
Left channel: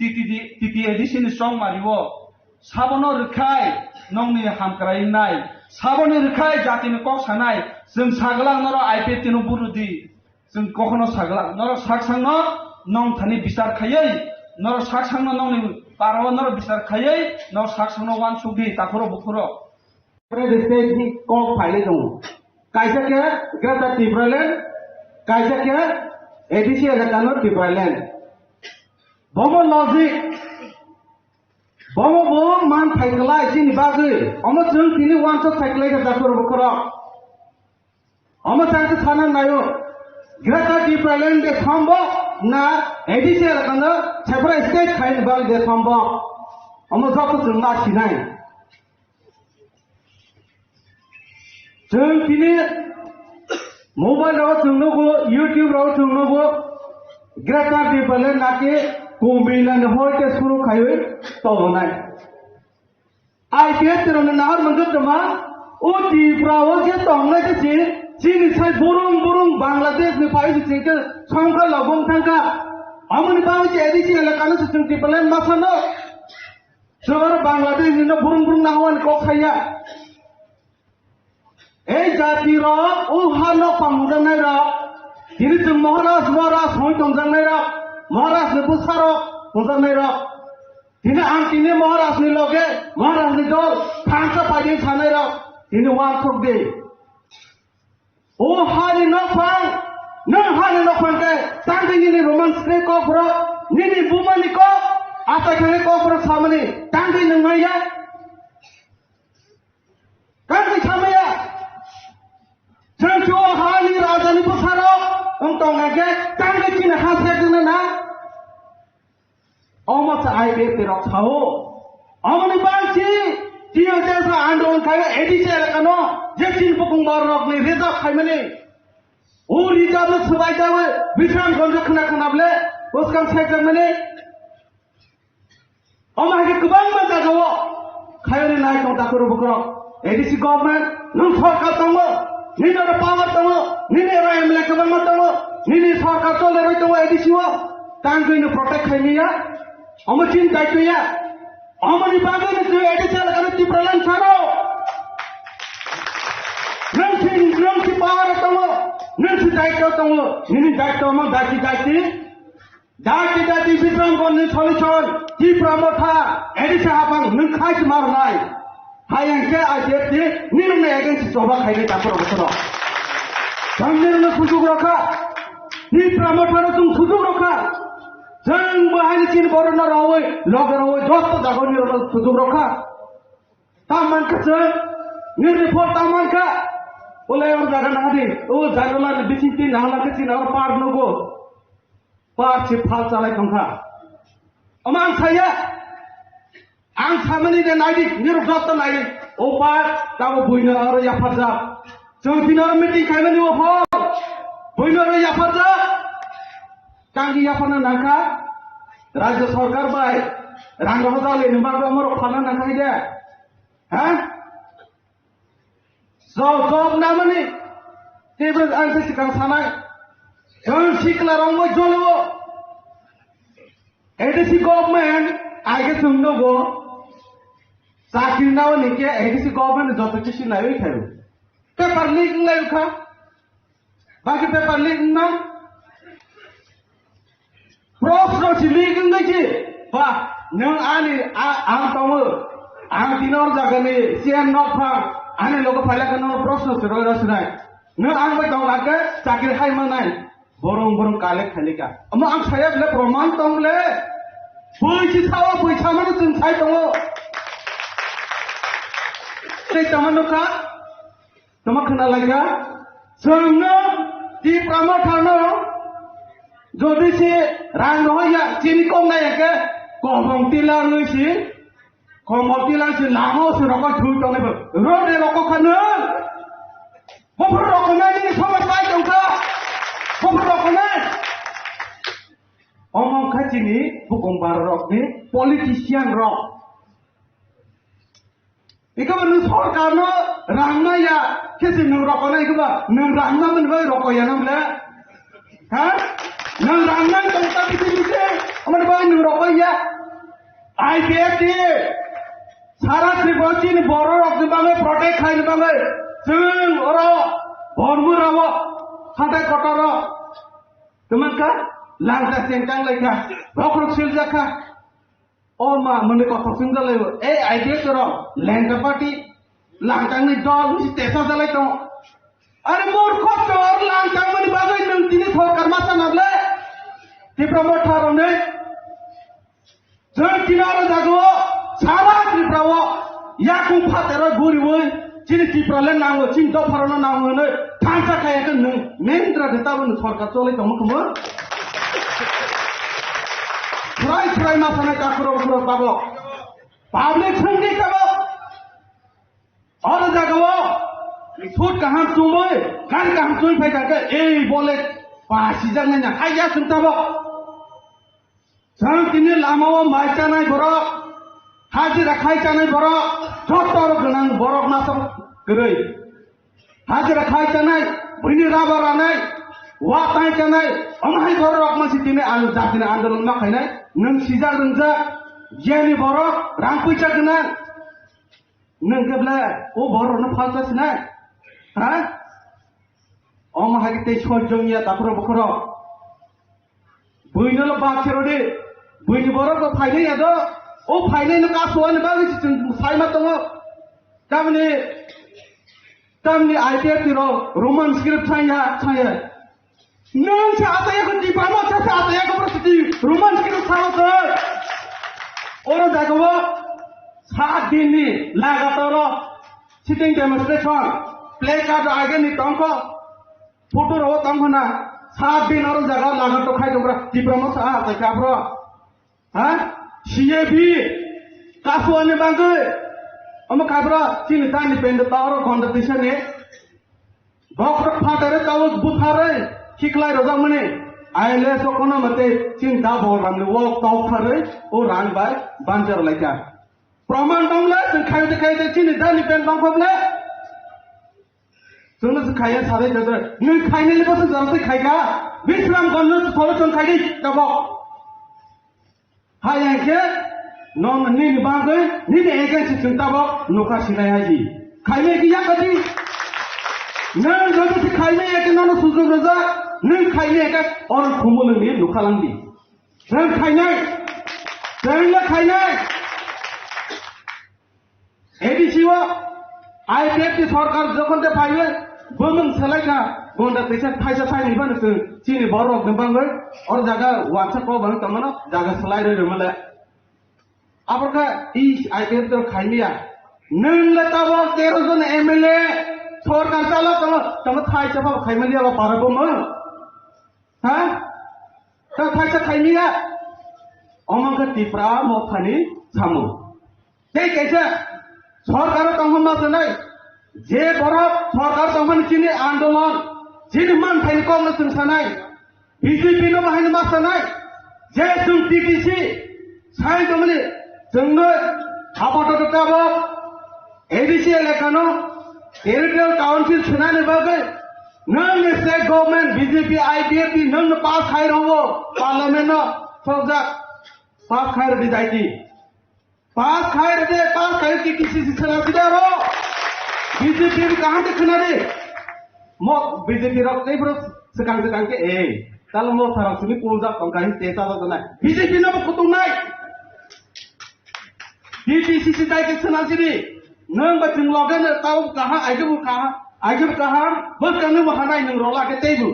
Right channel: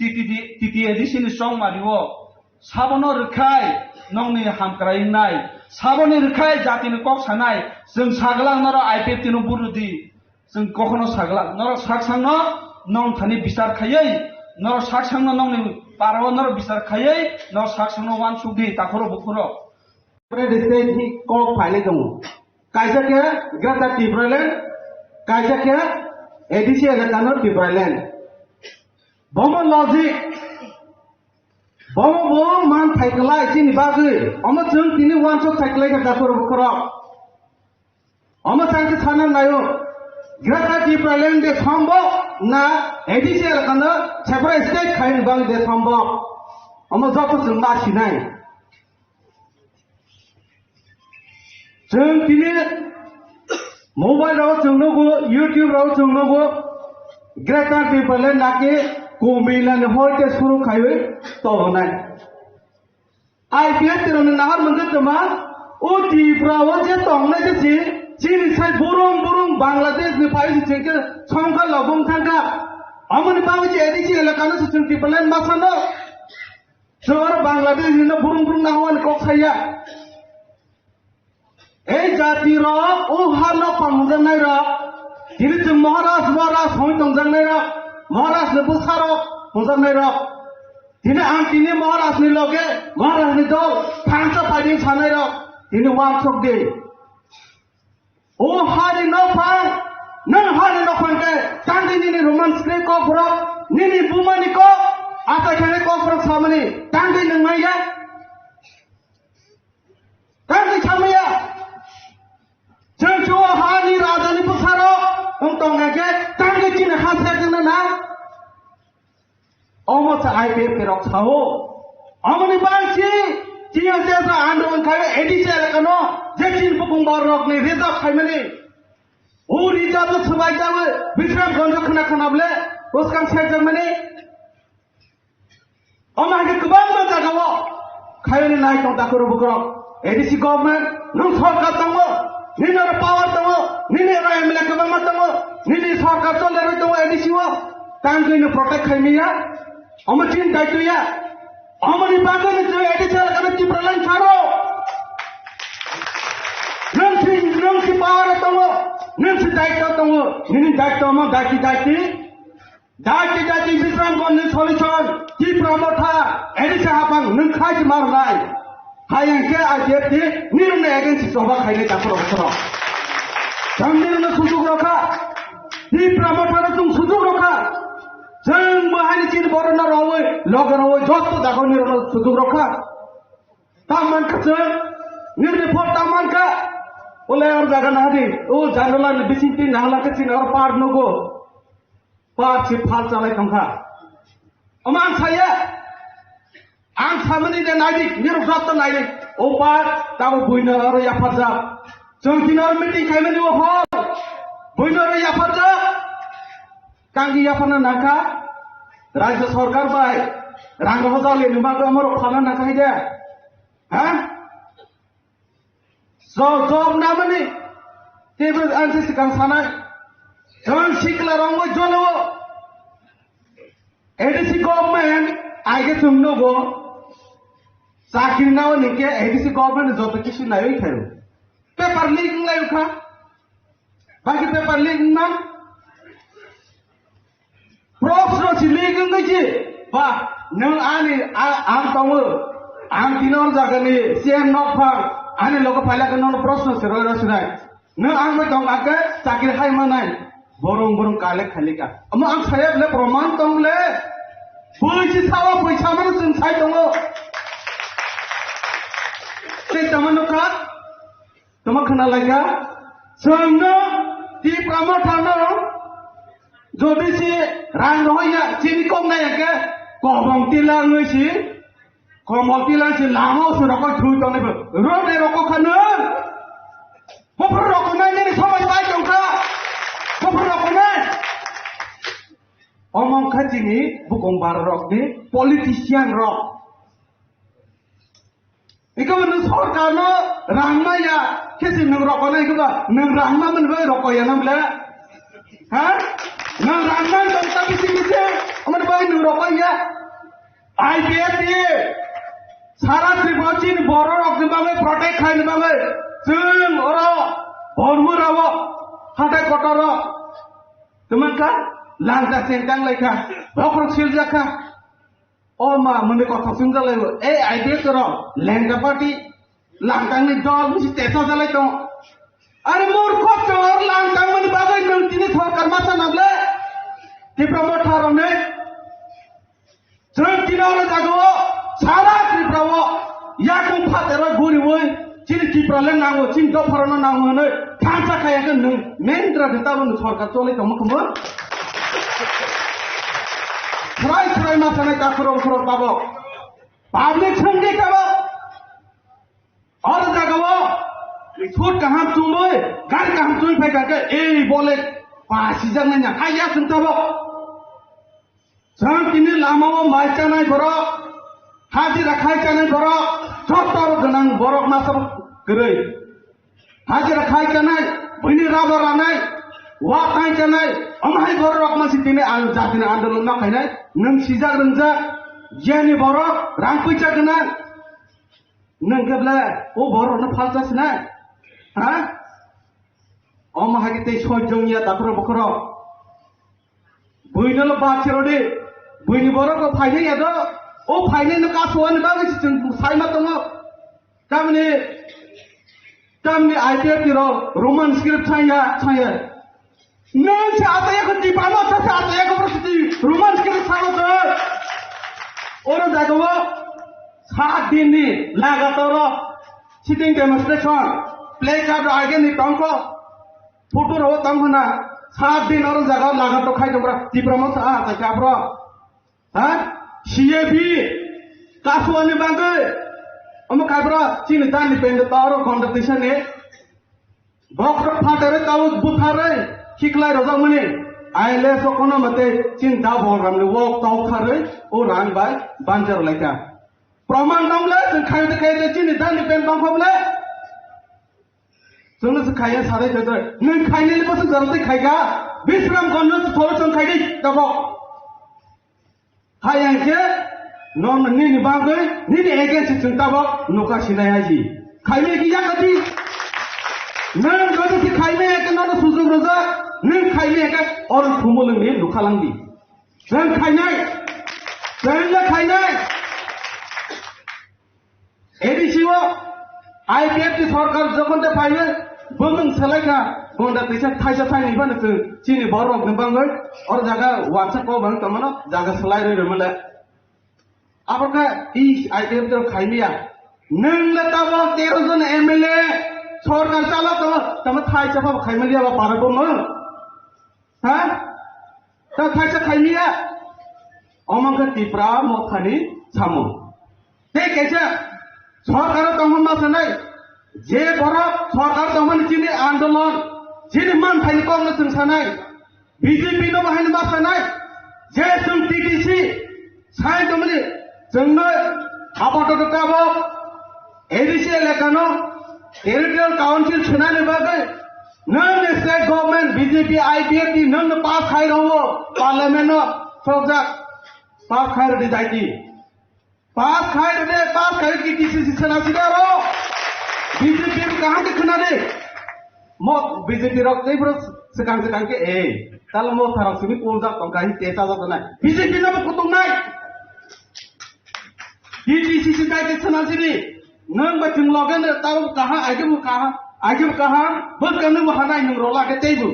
तिति एडिसन स्ट्रं मारिवो साबनो रखाय नंनि हामक्रायनाय साबनो रखाय जातिनो कक सानाय जों सागला नर आईपीएफ तिनो बुरुदि जों कखनो सागला नर साकसांनो नं थानि बिसार खायै नर साकसांनो नंनि पाराव नर बिसार खायै नर साकसांनो वान सुदि ताखरो बुखरो क्रेडिट हि कक फाइले दङ kaisa ke Greta Thunberg kaisa ke ADC elakano Thunberg bomo logic bomo bom man phaikla sini bagui omo jeng tini one shot phaikla ke dakor bukro omo changse thana nayo Greta Thunberg de sambo na ADC elakano chapra state khain bal de sambo omo joto jeng na sinai jeng tini mobile raw jengnogo YouTube raw jengnogo Greta Thunberg nake kumilan hoite suru khaiwe to nai ai pietrone nahar mangke tama o tibrawo je tongnai je chini sai burung Bangladesh ne pai je ke sangka lobong thangka amoni bang je edisi elakana sung Thunberg masano jor Bangladesh ne burung nawan ko khaya ei jati ro o hano pamudan nai ro tiri je Maharashtra hoi tongjang nai ro Maharashtra busaro tongjang nai ro tini ang tini Maharashtra ni loge Maharashtra ni do thangsa padi chanai ro tini wan sok de o hari no pang ke tangdi ni romance ne ko pro ni bumani ko ata kene ko pro samani tangdi nang ya tangdi chamaya Jangjo hani radani pusaro untuk ngeke tangge cina khasnya cina na omo cahai ke pirok sao omo ni bangci cio jasa andon kaya edisi elakano jeksin pukung barok ni rezak khai mani o rijab subai jabe bishram gonjo khana ble uskan shek mani omo hake kubang ma jagawo khayoni nai ko dakoro bukro edisi government nung sarkar tango nini ada power tahu, nini ada MLA kebangan tahu, nini sarkar kalau ada tahu edisi wa, tangga ini protect kami ya, amat cinta itu ya, amat di bangga ni tu edisi ada Thunberg caro, nanti power tahu, nanti daikta tahu, nini daikta mau daikti Bikram koni solution, Thunberg mata edisi apa, nengkai cemar lain. Hayang ke ajet ni nirna agensi soba khaile takor soba samne na sujug rakha ni promoter tum sujug rakha jeng bahani chin borona rawe logar rawe josto dago ni ro sujug rakha taman ka ni report taman ka ole ar daga na di o janala ni bisinti nangla ka chin ar par nugo par chi phal chalai khamha amang saya ang samani de naik ni rukhat naik opar tahu buina aro ya farja jengtina meeting kailan ni opar buina aro ya farja kangi ya pana naka rajya sarkar bai rangga hosale numa ko amor khana naka ide ha job namani tebe anse sikang sana jon sikla rongo jolo edisi government aige tumno go Sakir nawa nike edisi government joto kisu nayo khayo paper leak nayo kha baki paper leak na pro si leak ngai chi ba nang ani ang tawo ang tinor jagani CM not pha ani logo phala kanor proshno sero rasnai nang ang ma dong ake sakir khai manai borong kale khalika ama ang sayab le proman tong le puisi thawa puisa manu sun sai tong Tamanuka, tamakna laga, sungno di pramotano, jodi si rangno ya cini kong na ya ke, kong tilang ngisi, kong tilang si lamo surako chuto ni, rode roko kanu, kopro roko na ni sama sai kongka, kopro roko na, omong kacini bukong barok di politician rock. Ikaw nung sarkar no rahma ya kesi nung roko na ikaw nung rahma man ba roko ya nung la ha nung rahma nung tabi si man ba nung roko ya IPF sara tribochin boro rok ba me protect khai ba me jeng oro hormu rawo hata kotoro tumanka langta sentang laika rok siljaka Oh ma, mune kotha sungja laibo. IPF toro, Langa party, langkang ni dol, mesti tesa jalai tong. Are more cost or lang taman bagai nang tini thokar masa nable. Tipra mothar one. Jeng kinara jago sara tipra wo yakum phatero guri woi chini tipra le nango chin do pharano nango ne thansa kaya kan nung mendra geta bun sarkar chole kamu kumon. Try masa ne kakro babo. Public संगे करो और जगह छोट कहाँ चुम्बे गाड़ी कहाँ चुई फेंका के ए बोले पासी जगह नहीं आया सुनता वो जहाँ किन्हें लामा वो माइका नहीं बरो हाजी रखाई का नहीं बरो छोटा वो गनांग बरो ना सब करे हाजी रखाई का नहीं बनी राबर नहीं वाक नहीं का नहीं अमाही बरो अपना सिटी में आलू जाती ने आंदोलन में खाई नहीं नंग सीजा नंजा Jenny Boro, Rampuja Gana Nangabla, O Boro, no Palsas Na. Huh? Omahagate for Jonia Tapro. Buino Bakirode, Buiniboro, Pine, O Pine, the Castle, and Baggage, Simatono. Tamni idea to Roman script Chaya. No, Sataya, the Pramata Sataya, Roman script. और देखो 7 दिन में लगातार sitting demonstration play card आगे नहीं तंको photo रो तंको ना 7 दिन और जगह लगातार खाई दोबरा डिप्लोमा सा क्या ब्रो हाँ सीएबी कासुआने बांगे हम क्या ब्रो चीन तानी पेंड पावर कंपटीशन है बॉक्स फाटे ताऊ बुखारे किकलाई रोजा मने आयले सोकोनो मते चिंता बोल रहा वो ताऊ खारे ओ रान बाय बांजर लेका प्रमाण दंगले जों खायते चिनि दानि पेन दंखबले जोंनो से खाया सारे देदर नों खायनेनि को जरते खायगा विश्राम गन्नो से थोरो जों खायदि दबो खायके नन नि बागै नि एगे से चिंताबो नोका सिनायाजी खायने किया कति नों जों से खायने एक नन सुजु नजा नों खायने एक और खुमुलनि लुखालांदि जों खायनाय जोंनो खायनाय एडिसिओ आईपीएफ की सरकार जखन दे फायो बमन सलायना गंडा पैसा थाइसा थाइनि बानो चिनि बरक गबांगै और जागा वाट्सएप को बन तमनो जागा सलाय रे मले आपका ई आईपीएफ तो खाइमिया नंगले ताबो 13 जन एमएलए सरकार चाला तम थाइसा को खाइमिया बा पारबो म हां त थाइसा खाइमिया अमंग तिफ्रा मखानि सामो ते कैसे सरकार तमन नसनै जे बर सरकार तमन चिनि आन्दोलन चिनि मान फाइन को न सनै बीजेपी न बाहायनो मासनै जे जों टीटीसी साइ तमनि जोंनो आपातत काबो एडीसी एलाकानो टेरिटोरियल काउंसिल छनाने बागै नन स्टेट गवर्नमेंट बीजेपी आईपीएफ की नन पास खाइ रहो पार्लियामेंट सजा पास खाइ रे जाइती पास खाए की किसी से सलाह सीधा हो बीजेपी कहाँ के खुना दे मो बीजेपी रख नहीं बरस sekarang के kalau mau taruh sini punjak tongkahi teta atau ना बीजेपी ना कुतुम नहीं DTC से जाके सलाह सीधी नंग बच्चों लोगों ने ताऊ कहाँ आगे वो कहाँ बस करने वो हनाई नंग रोला के तेजू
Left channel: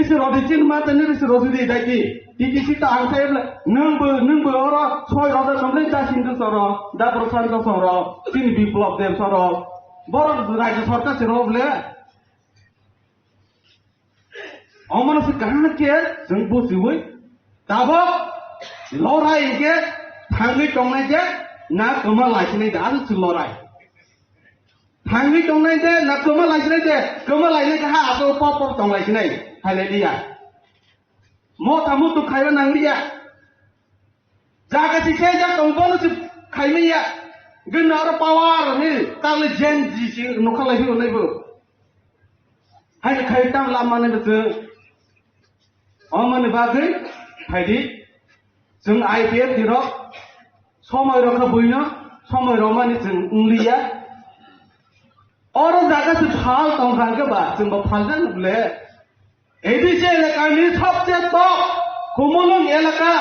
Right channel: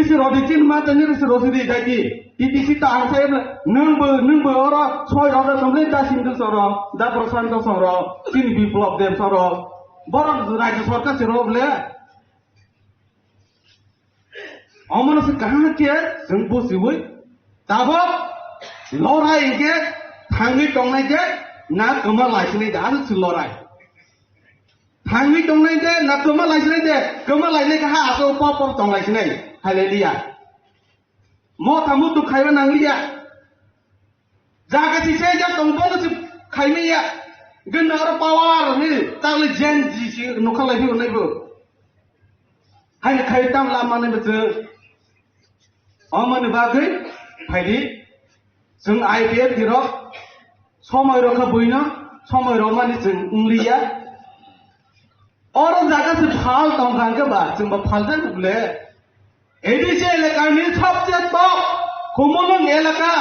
इस रोडिचिन माता ने इस रोसिदी जाकी DTC ta ang say nung oro soy ro nung le ta sin du soro da prosan ko soro sin biplop dem soro bor rajya sarkar se rob le amana se kahan ke jung bo siwoi tabo lorai ke thangi tongnai ke na kama laisini da su lorai thangi tongnai de na kama laisini de kama laisini ka ha aso pop tongnai sinai haleluya mau tamu tu kaya nanglia, jaga si saya jangan tongkol si kaya ni ya, genar pawar ni, kalau janji si nukal lagi orang itu, hai kaya tang lama ni betul, aman ni bagai, hai di, jeng IPF di rok, somai rok buina, somai Roma ni jeng unglia, orang jaga si hal tongkang ke bah, jeng berpalkan boleh. ADC एलाका नि सबसे तो कुमलंग एलाका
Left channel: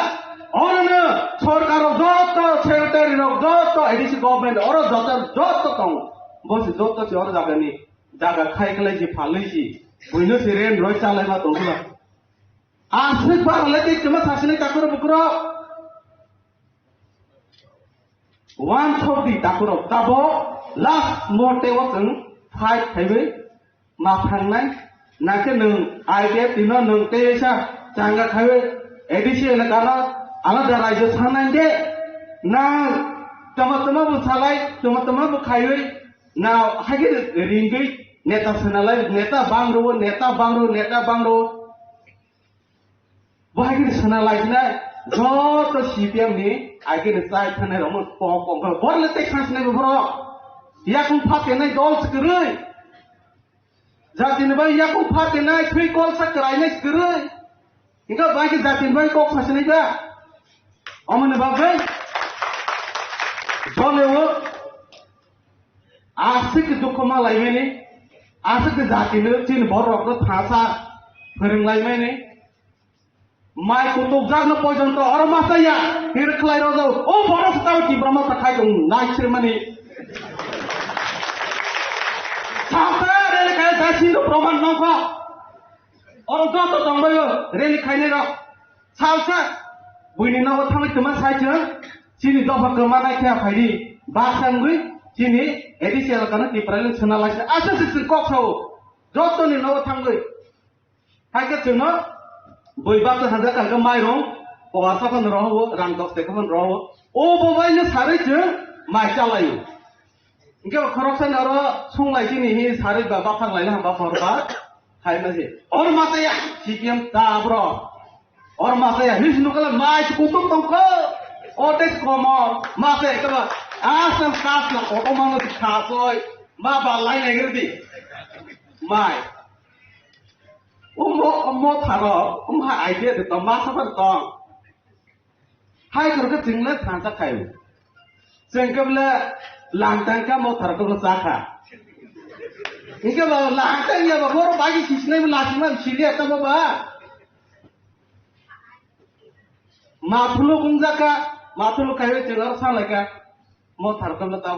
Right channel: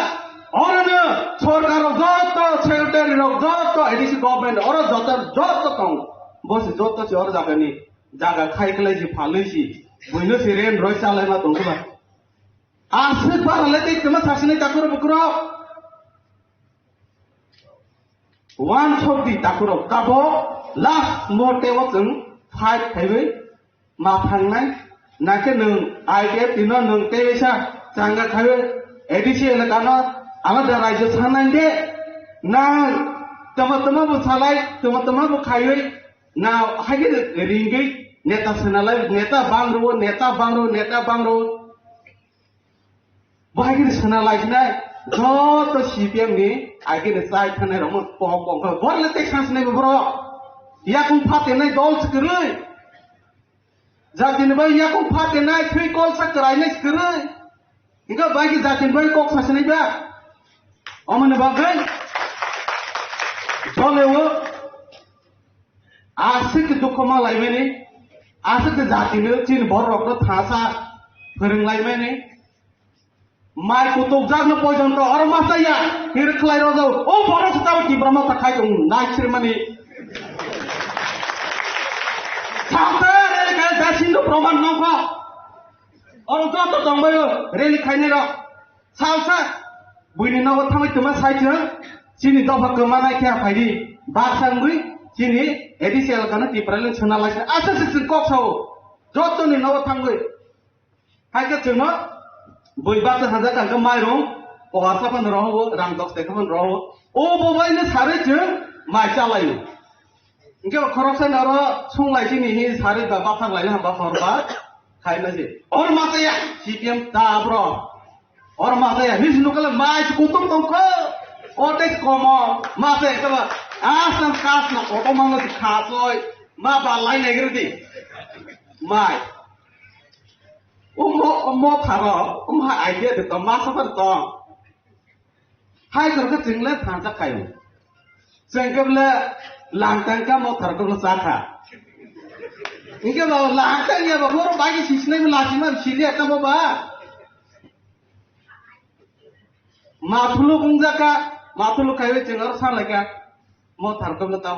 और न सरकार जत secretary जत ADC government और जत कौन बस जत से और जागा नि जागा खाइखलाय जि फालैसि बयनो सेरेम रय चालायना दंबा आसे barley तिमा थासिने ताकुर बुकुर wan chodi takuno tabo last mote wong 5 thaiwe ma phangnai nake nung idf tino nung te sa changa thaiwe edisi ele kana alada rajyo sanange na tama bu salai tama bu khaiwe na hage ringai neta sanalai neta bangro bahagi sanalai na joto CPM ni age de sai thane rom pom bor le tek sans nei bro ya kum phate nei dol skrai jatin bai ya kum phate nei three call sakrai nei skrai inga bagi jatin bai kok sas nei ba amne bagai bolewo asik dukoma lai mene asik jatin chin bor rok no thasa phering lai mene mai kutuk jagno pojon to or masaya hir khlai ro jo o boro sataw ti brahma takhai jong nai sirmani chata rel kai jasin do proman no ka or to to jongbai rel khaine ro chausa buini no thamai tuma sai chang chini do bakma nai kya phairi ba sangui chini edisial kana ti pralen chuna lai asa sik kok sau joto ni no thangui hai ka chuna boi ba ta hada ka mai ro o asa pan ro ho ram dok te kan ro o bo bai na sare je mai cha lai inge corruption ro sung lai ji ni hi sare ba ba phang lai na ba phor ba khai na ji or ma ta ya CPM ta bro or ma ta ya ni nu kala mai chi ku tum tong ko o te ko mo ma te ko asa ka na o ko ma no kha koi ma ba lai lai gre di mai mo tharo ha idea de ma sa pan ko hai ko ka jing le phan sa kai jeng ke le lang tang ka mo thar ko sa kha inge ba la ta ye ba mo ba gi sis nei la chi man silia ka mo ba ma thulu bung ja ka ma thulu kai we jeng ar sa la ka mo thar ko le ta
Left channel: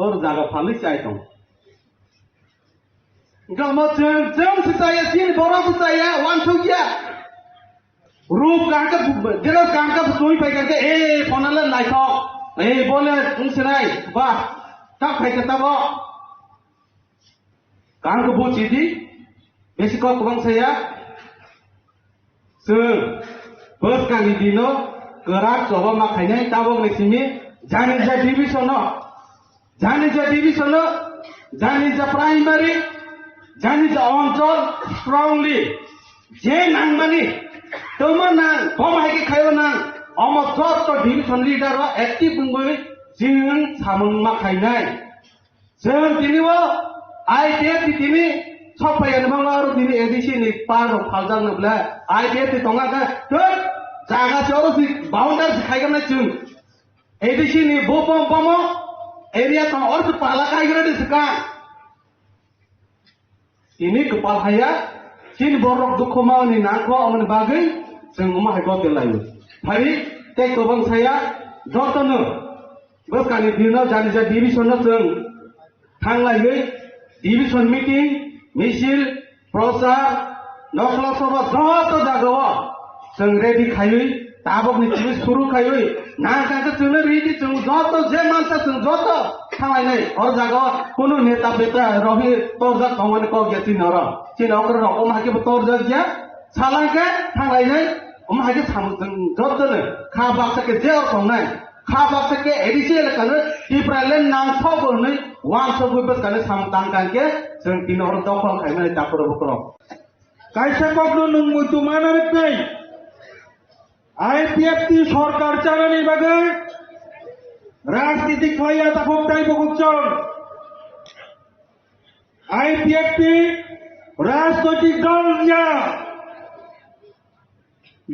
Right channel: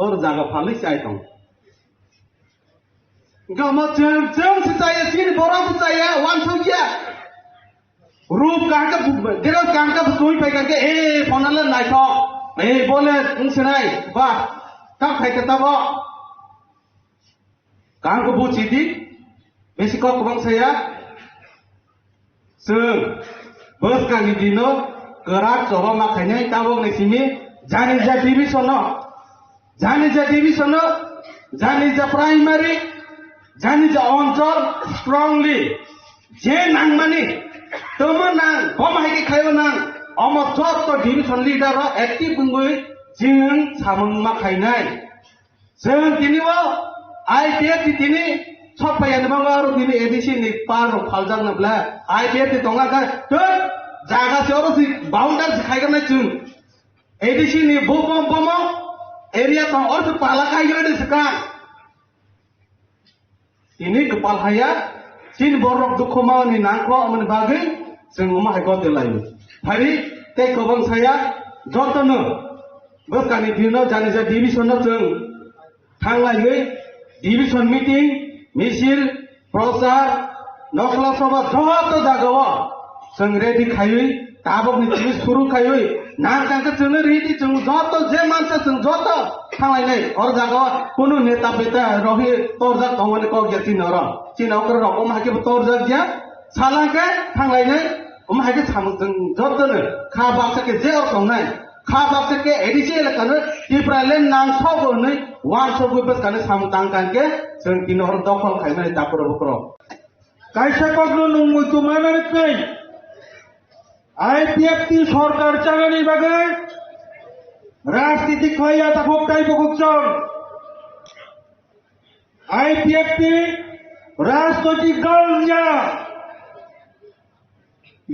or jaga phali sai ko Gama jeng si saya sini borang si saya wan suja. Rup kangka dia kangka betul pegang ke panala naik tak. Bolehungsenai bah tak kai kata bo. Kangka bu cidi besok kubang saya. Bos kang dino kerak coba makanya tabung di sini jangan jadi divisiono jangan jadi primary Jani ja onchol strongly je nang mani tomo nang bom hai khayo nang omo chot to division leader ro active bungui jing samung ma khainai jeng tini wo idea ti tini chopai admanga ro tini edisi ni par ro khaljan na bla idea ti tonga ka to jaga choro si boundary khai ga na chung edisi ni bopom pomo area to or pala kai gra diska ini kepal saya sin borok dukoma ni nako aman bagai sengoma hai ko telayu hari te kobang saya jotono bokani dino jani ja division no jeng thanglai gei division meeting misil prosar nokla sabha joto jagawa jeng ready khayui tabok ni chis suru khayui na kangka jeng ready jeng joto je mansa jeng joto thanglai nei or jagawa kuno neta beta rohi torja thongani ko geti nara chinokar roko mahke torja gya sala ke thanglai nei mahke samujeng joto ne kha baksa ke je thongnai kha baksa ke edisial kan ibralen nang thobo nei wan sobu bes kan samtang kan ke jeng tinor toko khainai tapro bukro কাইসা কখনো নঙ্গু তোমার কই IPFT সরকার চালানি বাগে রাজনীতি খাইয়া তাপক টাই বকুচন IPFT রাজনৈতিক দল না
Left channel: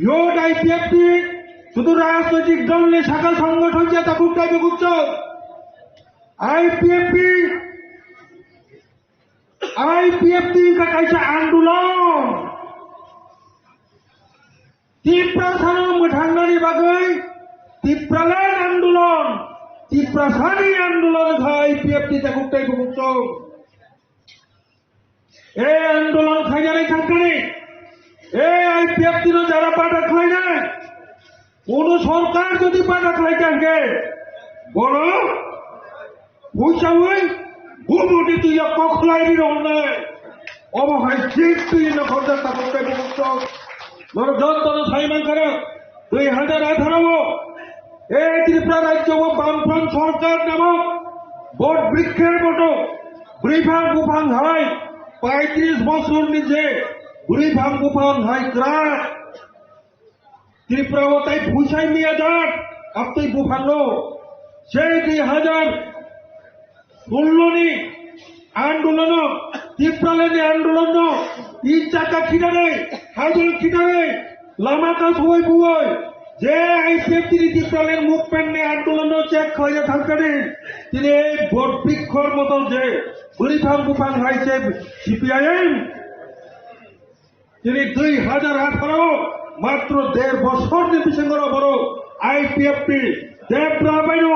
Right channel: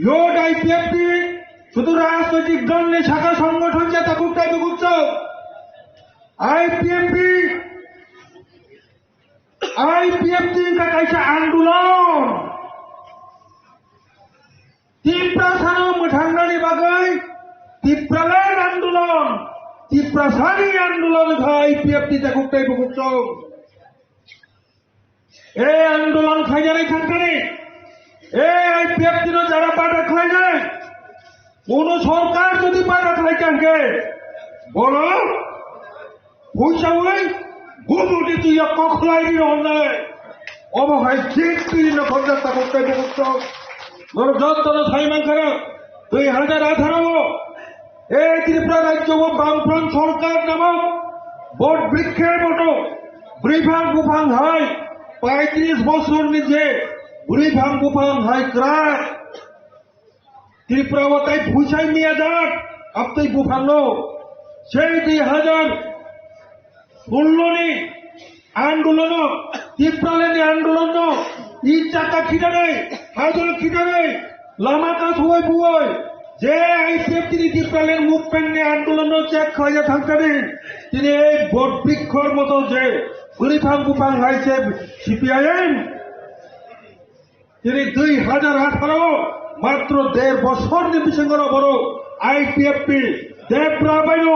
ইয়োড আইপিএফটি শুধু রাজনৈতিক দল নেই শাখা সংগঠন যে তাপক টাই বকুচন आईपीएफटी का कैसा आंदोलन तीव्रसानो मठांगनी बागै तीव्रलान आंदोलन तीव्रसानी आंदोलन था आईपीएफटी ता कुटाई बुकुचौ এই আন্দোলন খাইজানি থাকবে এই ব্যক্তিরা যারা পাটা খাই যায় কোন সরকার যদি পাটা খাই থাকে বড় পয়সা গুমটি তুই কখলাই অন্যায় অবহায় ঠিক বিভিন্ন সরকার করতে বড় যন্ত্র সাইমান করা 2018 এই ত্রিপুরা রাজ্য বামফ্রন্ট সরকার নামক বট বৃক্ষের মতো বুড়িভাং গুফাং হয় 35 বছর নিজে বুড়িভাং গুফাং হয় ক্রাক ত্রিপুরা তাই ভুসাই মিয়া যাক আপনি বুফানো সেই 2016 আন্দোলন ত্রিপুরালেনি আন্দোলন ই চাকা খিটারে হাজার খিটারে লামাকা সবাই বুয় যে এই ব্যক্তি ত্রিপুরালের মুভমেন্ট নিয়ে আন্দোলন চেক খাইয়া থাকতেন তিনি এই বট বৃক্ষর মতো যে বুড়িভাং গুফাং হয়েছে সিপিআইএম তিনি 2018 মাত্র 1.5 বছর নির্বিসঙ্গর বড় আইপিএফটি দেবরা বাইন